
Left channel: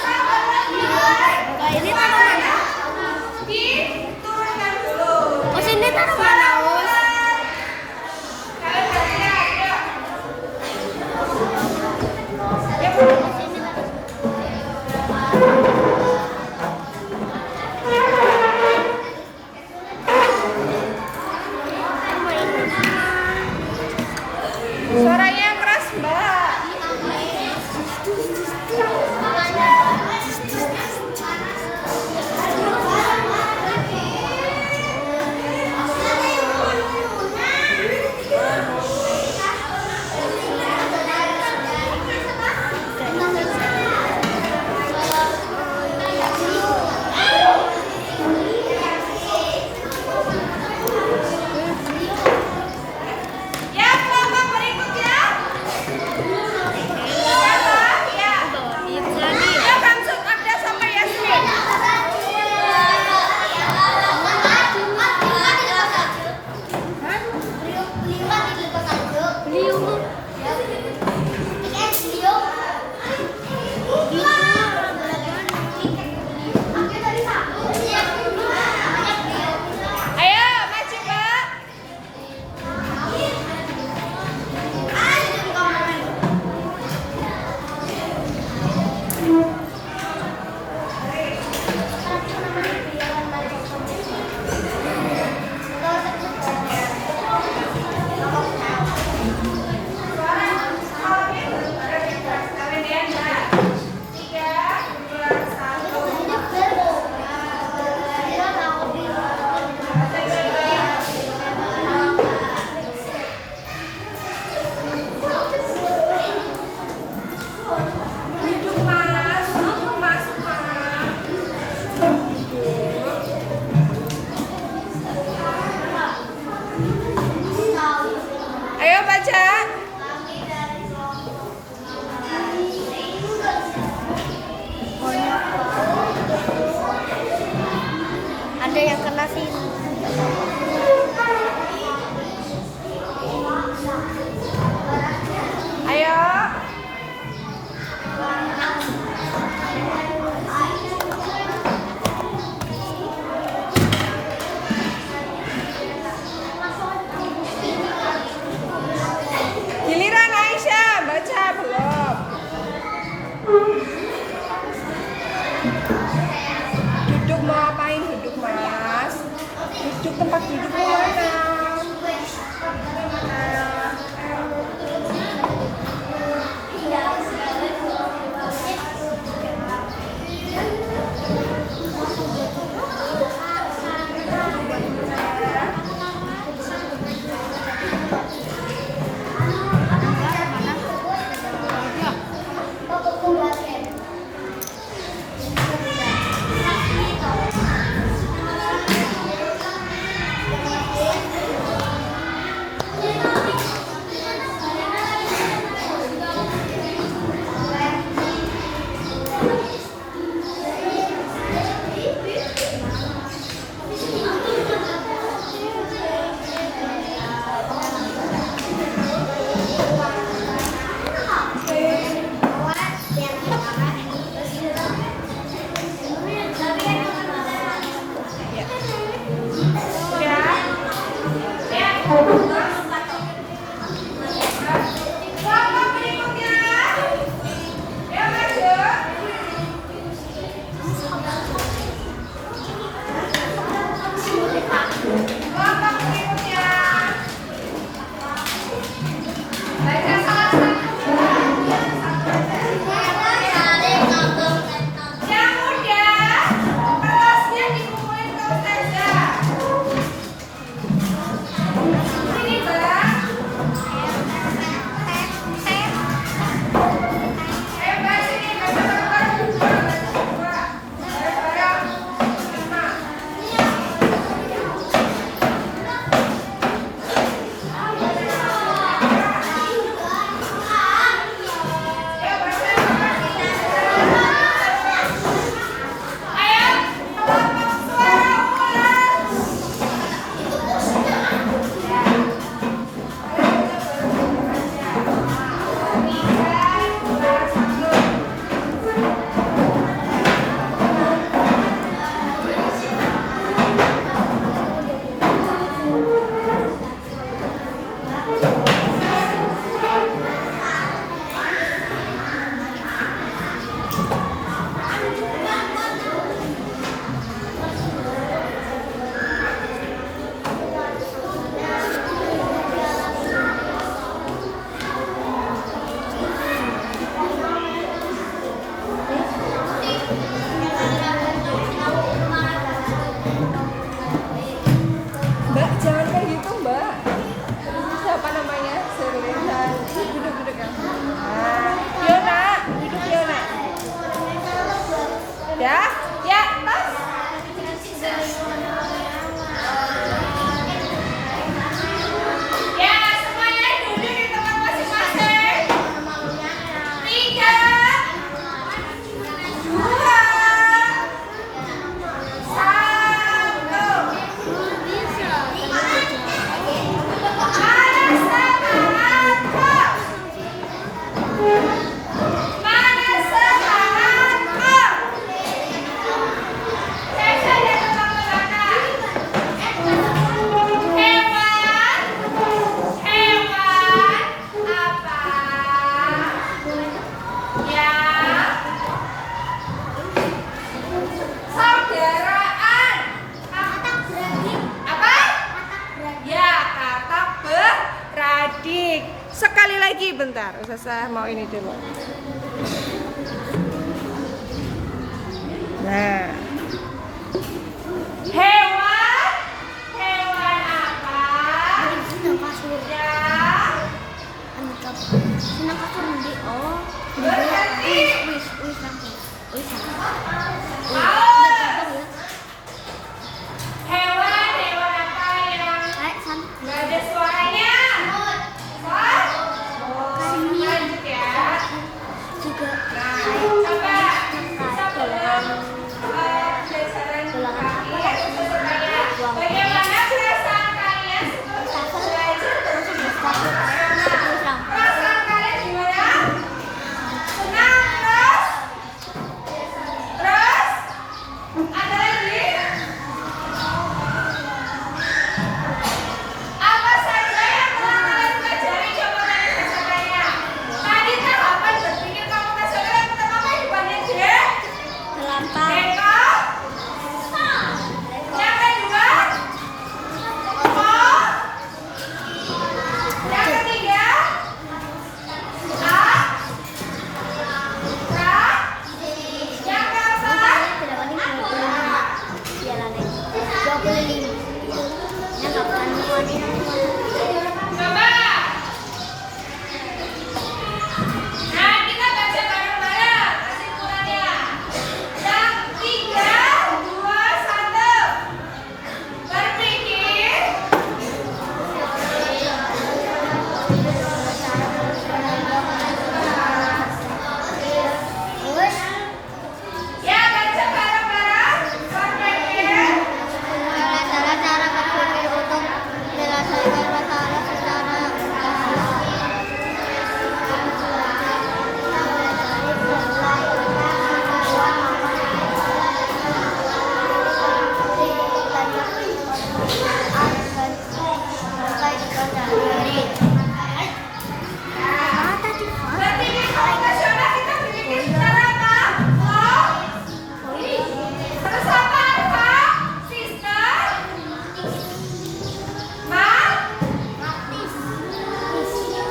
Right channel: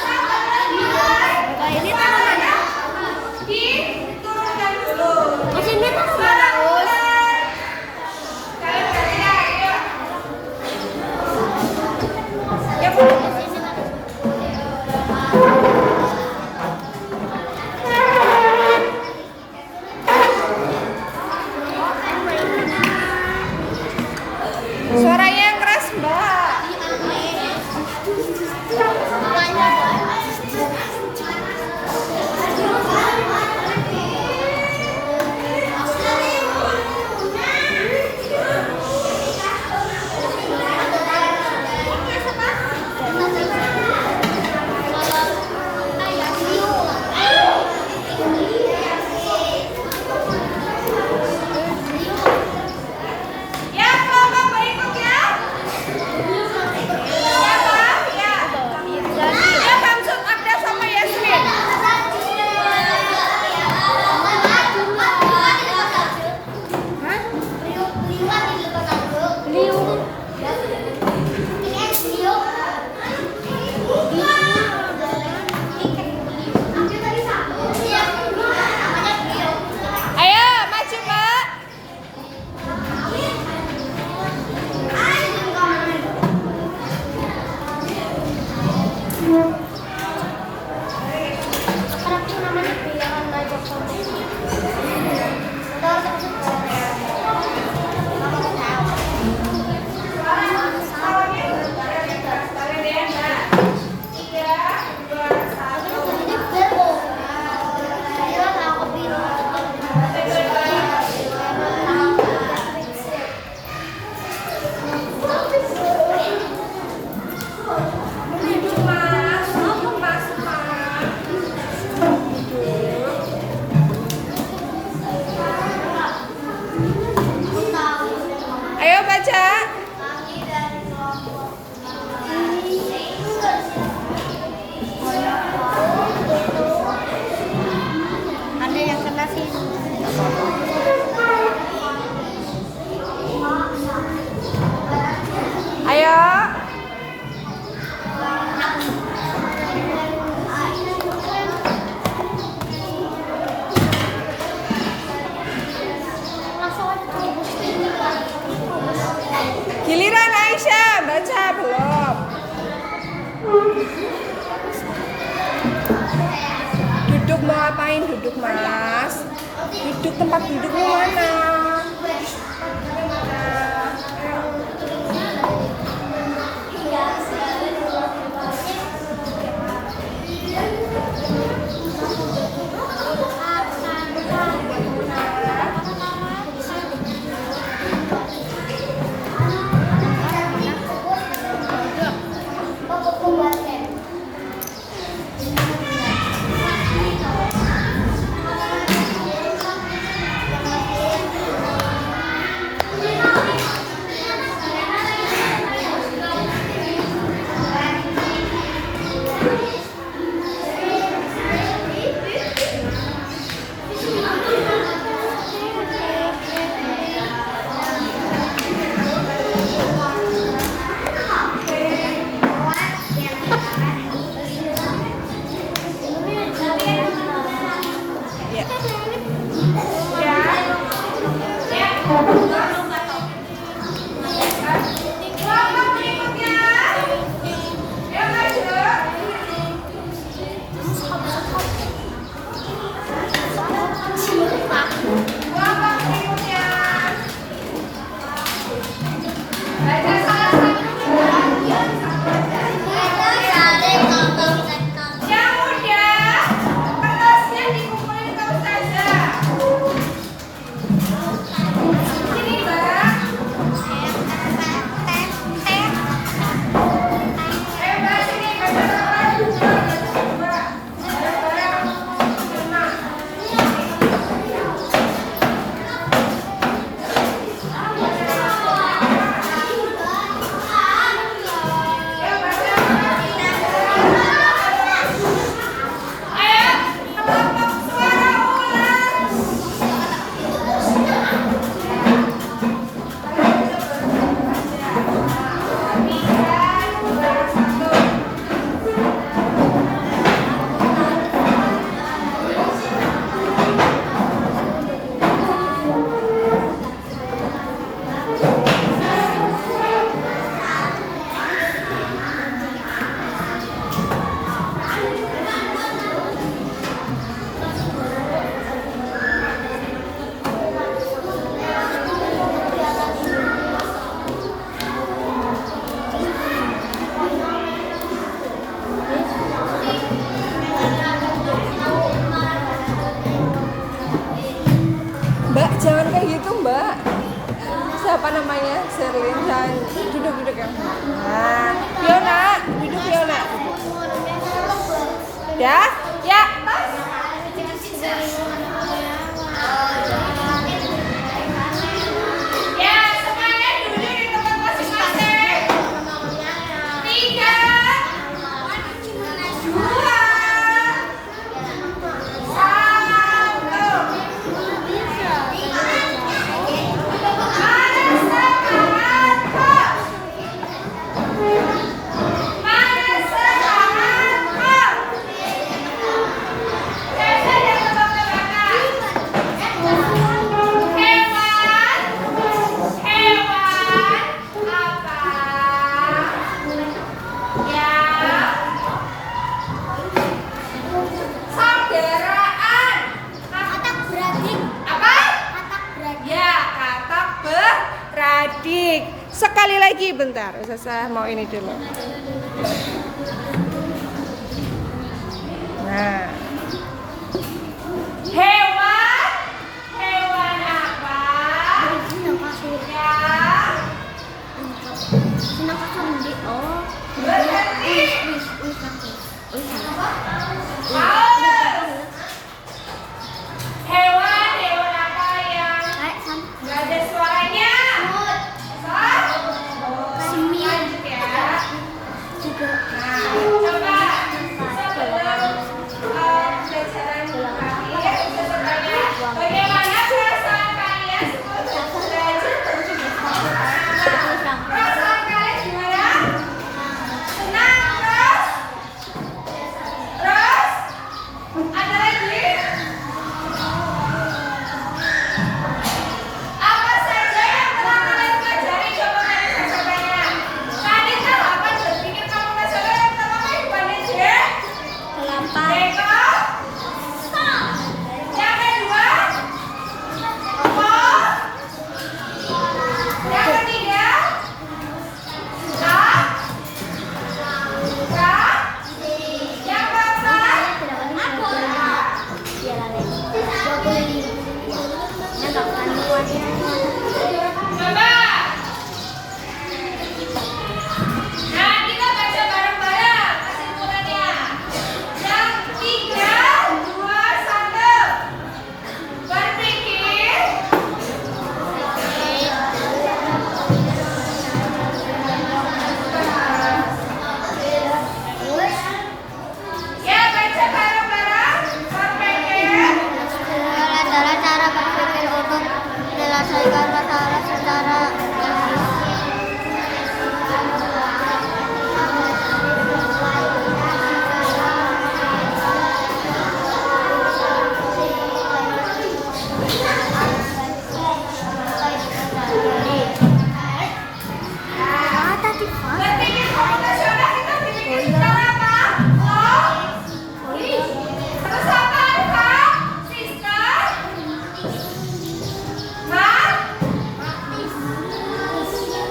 sahabat mulai. Suaranya diturunkan dulu. Di sini tak Kalian gantian, yuk. Ya, Bu. Di sini tak Suaranya yang keras, Mbak. Ya, kelompok berikutnya. Siapa? Ya. Ya, Samsung, ada sama Yasmin. Ayo, maju, Mbak. Kalian ya. 3, 2, 1. Duduk, Mas. Duduk, Mas. Ayo baca. ada yang kena sini. Ayo. Giliran Aisyah, baca belum? Duduk mau apain? Duduk, Mas. Duduk, tempat duduknya mana? Ya, ya, terus. Ya, semuanya duduk di tempat masing-masing. 3, 2, 1. Sekali lagi bentar, saya mau ini dulu. Nah, hewan apa? Senang kasur di Berhenti. Hewan apa yang nggak ada suaranya? Lanjut ya. juga Coba pelajaran kalian sebenarnya bagaimana perasaan kalian sebelum belajar? Perasaan kalian gimana? Senang terus? Terus? Ada lagi? Apa saja yang telah kalian pelajari? Coba kalian coba. Tadi terapan berpikir kamu tak sabar yang pertama kehidupannya J. kelapa Eko. Yang kedua. Ko. Yang ketiga. A. K. Yang keempat. tidak penting 25 piala lagi 25 iya yang gak pernah wanita Coba. Nah, kita baca bareng-bareng kesimpulannya. Yang 3, 2, 1. Berpikir. Ya, baca bareng-bareng. Berpikir. adalah cara berpikir untuk menyelesaikan masalah secara Berpikir komputasional kita berpikir secara apa? Terus apa? Sistem? Matematis. Ya.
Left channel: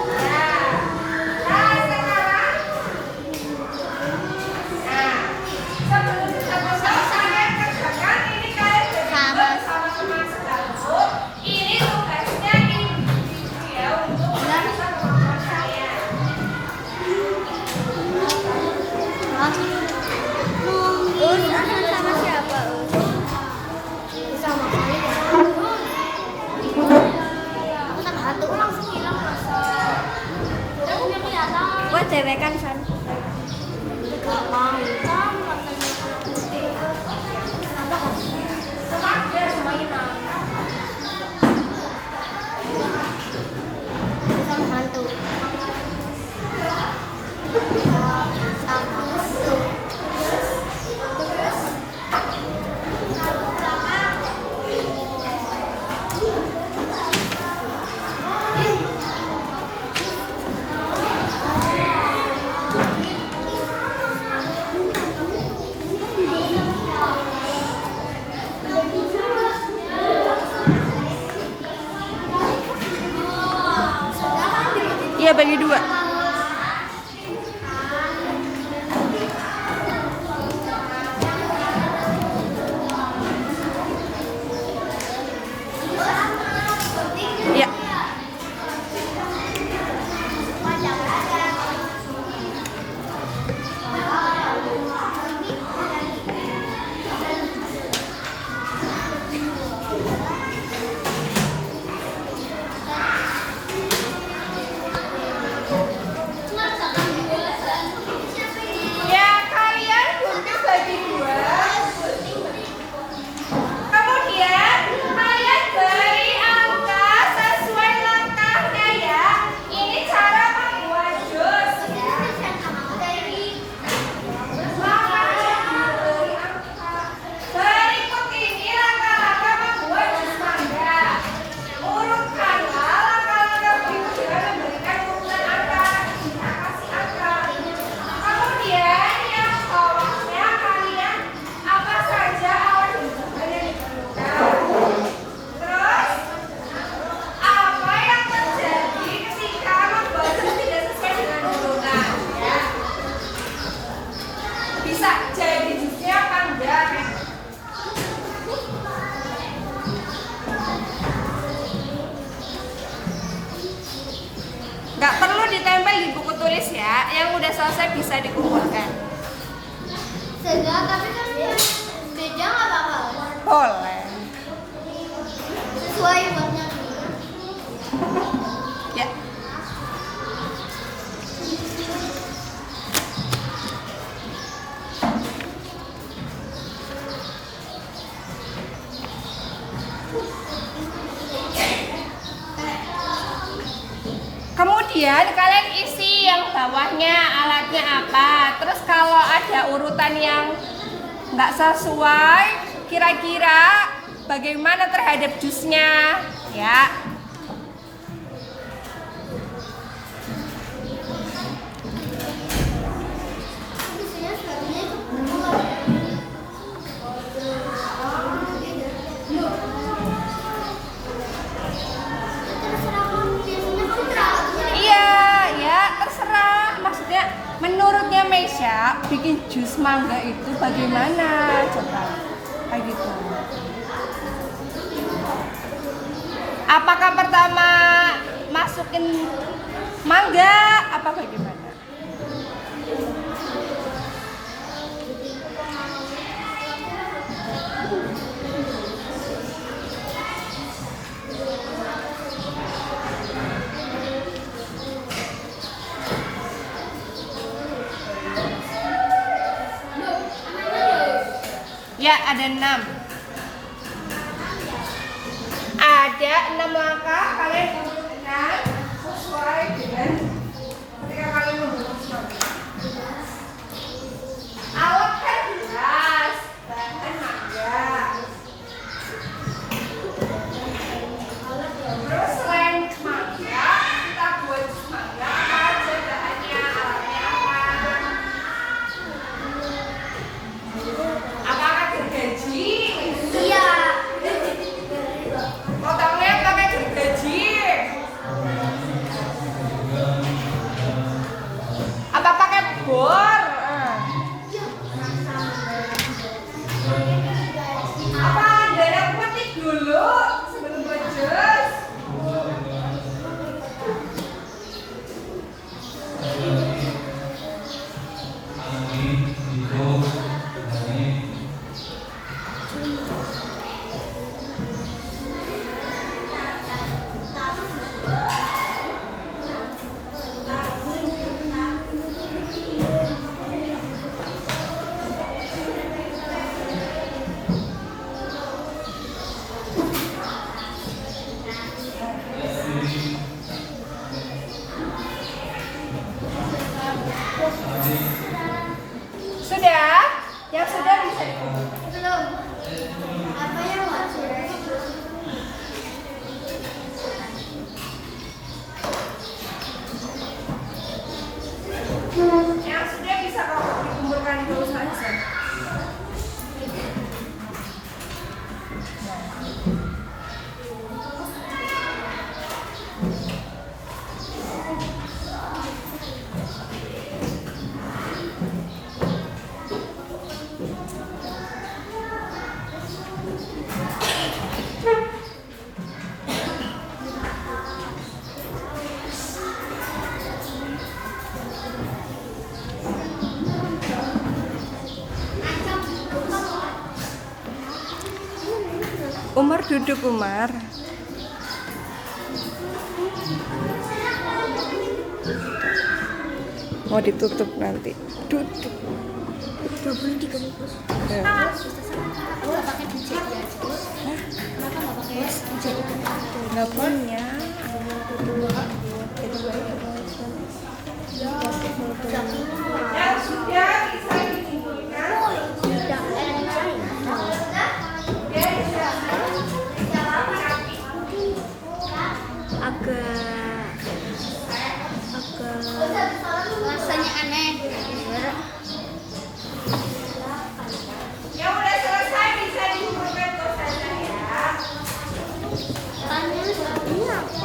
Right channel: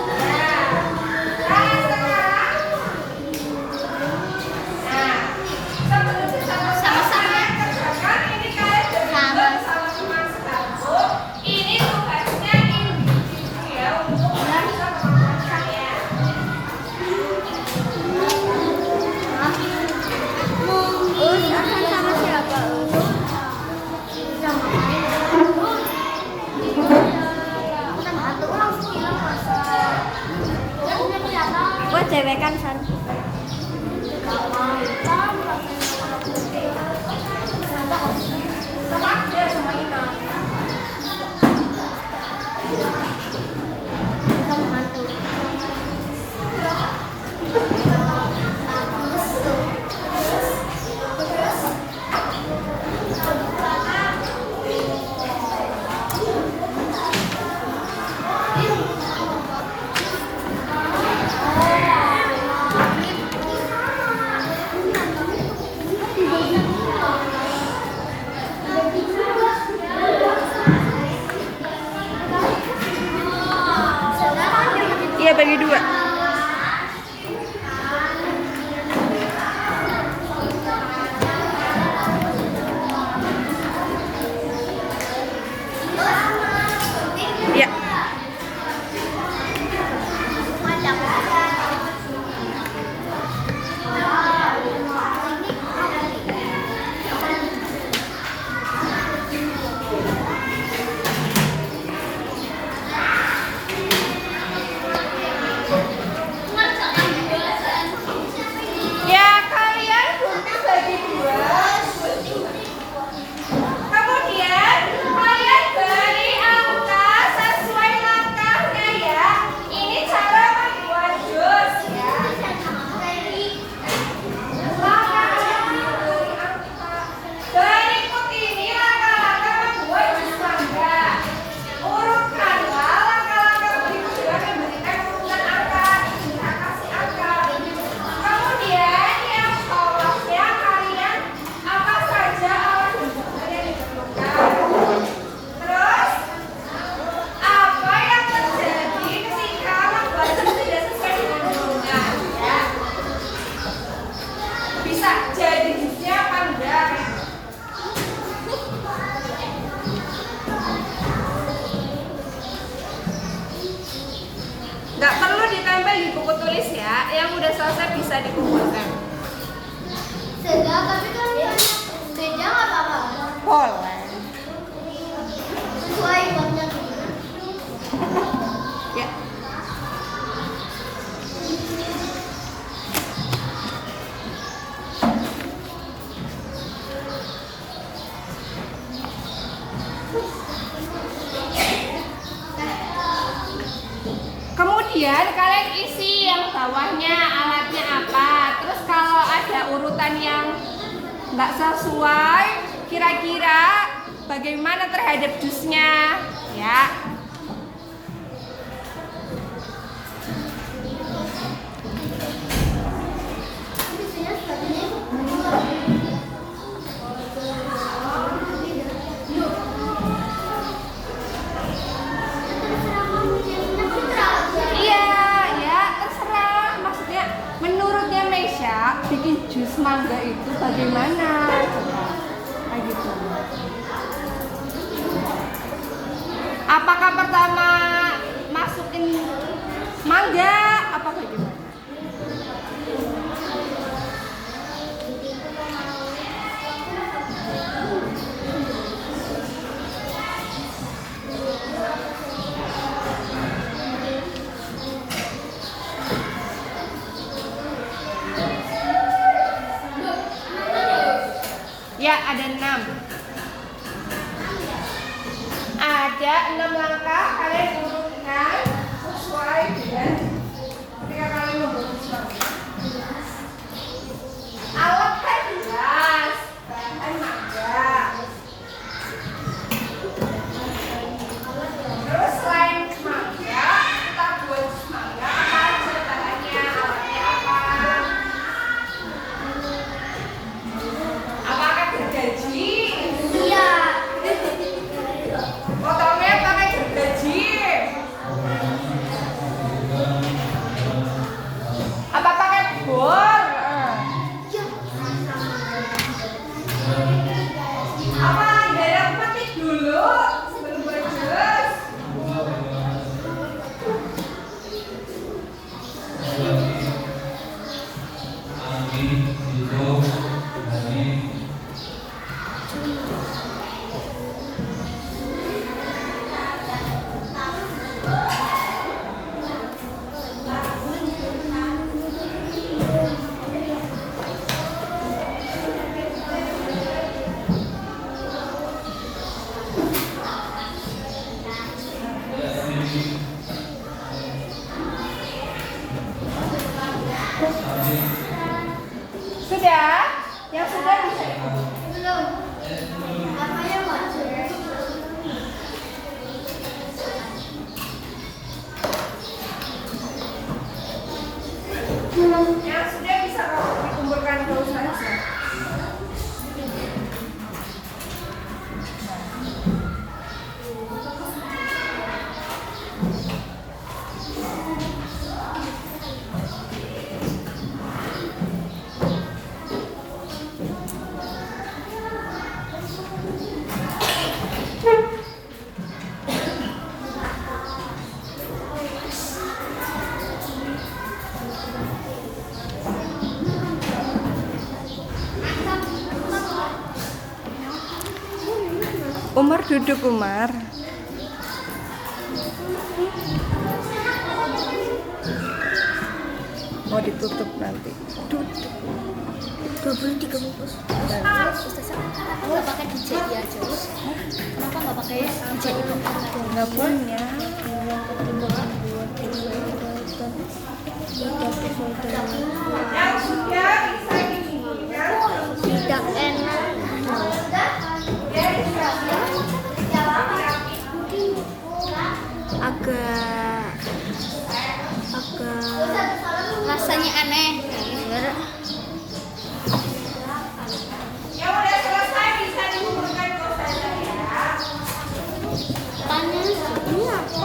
Nah, sekarang. Nah, sebelum kita kalian kerjakan ini kalian berdua sama-sama satu. Ini tugasnya individual untuk teman-teman kalian. Us akan sama siapa Us? Wah dewe kan San. Iya, bagi 2. Ya. jadi 2. Kemudian kalian beri angka sesuai langkahnya ya. Ini cara membuat jus ya. Langkahnya beri angka. Berikut ini langkah-langkah membuat jus mangga. Urutkanlah langkah-langkah berikut dengan memberikan urutan angka. Kita kasih angka. Kemudian yang bawahnya kalian apa saja alat dan bahan yang diperlukan. Terus apa yang terjadi ketika membuat jus tidak sesuai dengan dorongan ya. Bisa jadi jusnya apa enggak? Nggak perlu ditempel di buku tulis ya. Yang udah selesai bisa dikumpulkan. Sudah, tapi kan beda nggak apa-apa. Boleh. Sesuai buatnya. Ya. Kemudian kalian isi yang bawahnya alatnya apa. Terus kalau ada urutan yang nggak sesuai, kira-kira bagaimana terhadap jusnya, ya. Iya, ya terserah. Maksudnya menurutnya Mesya bikin jus mangga itu bagaimana? Coba kayak gitu. Apakah pertama masukin mangga apa bagaimana? Ya, ada 6. Ada 6 langkah, kalian urutkan sesuai dengan ketika kalian membuat sesuatu. Alat kan jelas, bahan mangga. Terus selain mangga, kita buat jus mangga. Apa aja bahannya, alatnya apa? Apakah gergaji? Iya. Potongnya pakai gergaji. Apa pakai bor? Apa ada yang petik dulu sebelum buat jus? Sudah? Yang sudah bisa dikumpulkan. Belum. Apa yang wajib? Yang sudah bisa dikumpulkan dulu saja. Umar duduk, Umar. Mau ditutup nanti. Duduk. 23 bungkus. Nggak pakai dijadi aja. Kenapa nggak pakai dijadi? Nggak punya. Yang sudah bisa dikumpulkan Tidak enak. Agak rasanya aneh. yang udah selesai bisa dikumpulkan ke saja ya. Ini apa?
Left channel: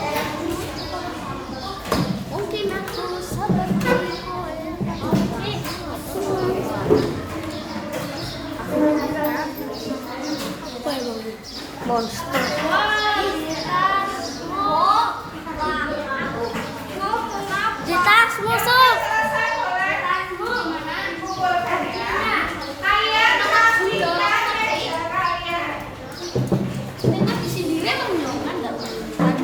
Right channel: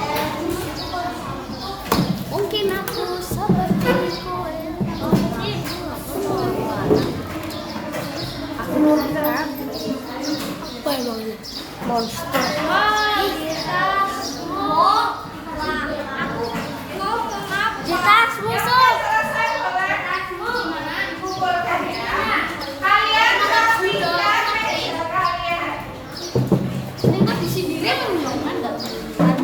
Mungkin aku seperti kowe. Monster. Kita musuh. Selesai boleh kumpulkan ya. Kalian harus bisa meja kalian. Ini mah di sini kan enggak benar.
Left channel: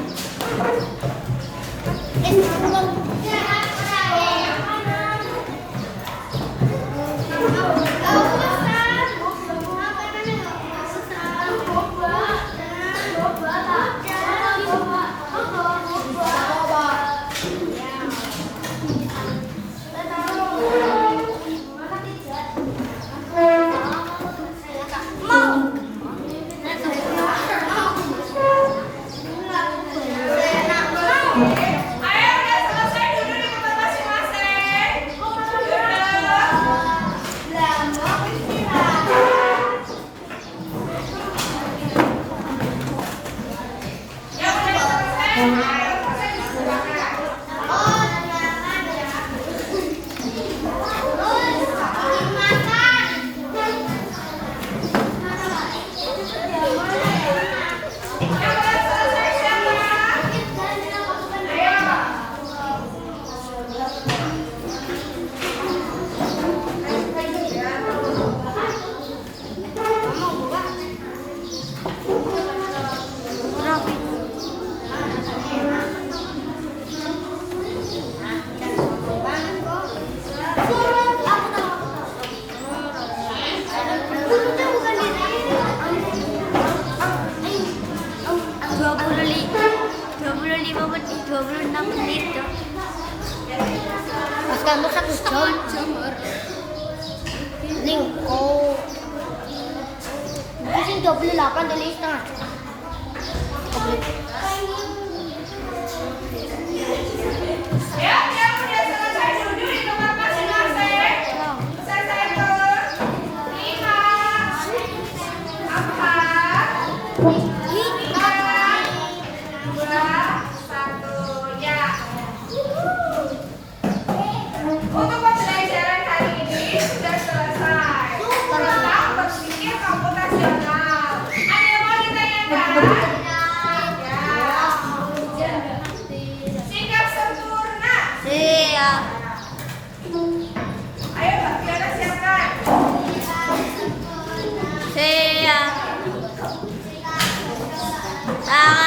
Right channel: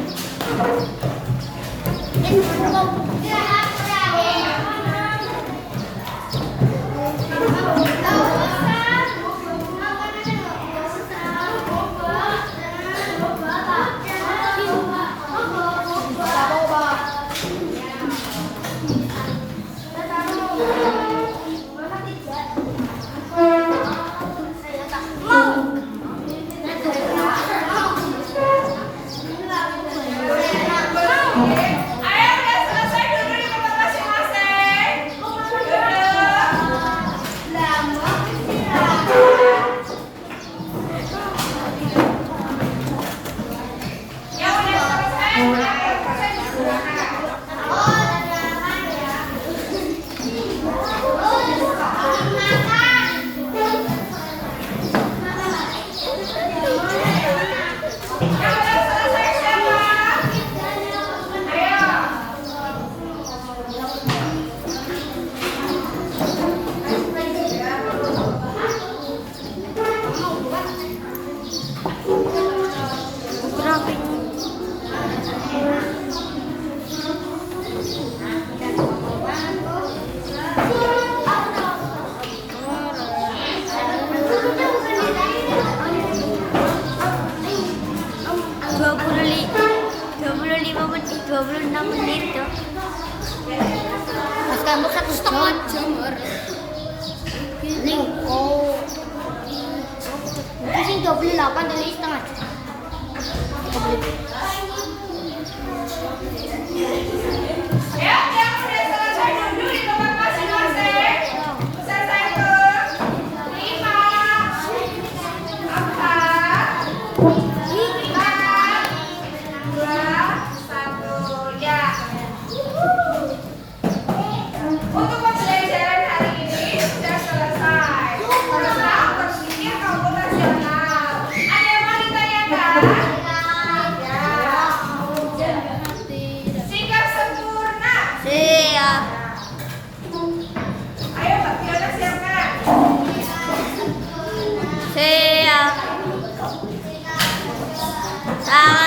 Ayo udah selesai dulu di tempat masing-masing. Yang udah selesai, ayo sampai di sana. Yang udah selesai siapa? Ayo. menit, 26 menit. Pas kamu 1 jam. Ini oh. Mungkin 28 tuh nih setengah. Ya, yang udah selesai duduk di tempat masing-masing. Selesai ke 5, 4, 2, 1. Ya. Untuk pembelajaran hari ini sudah selesai. Tentang berpikir komputasional. Ada yang mau ditanyakan? Ya. Sikap sempurna. Siap. Ayo Mbak Fiona siapkan. Siap. Tangan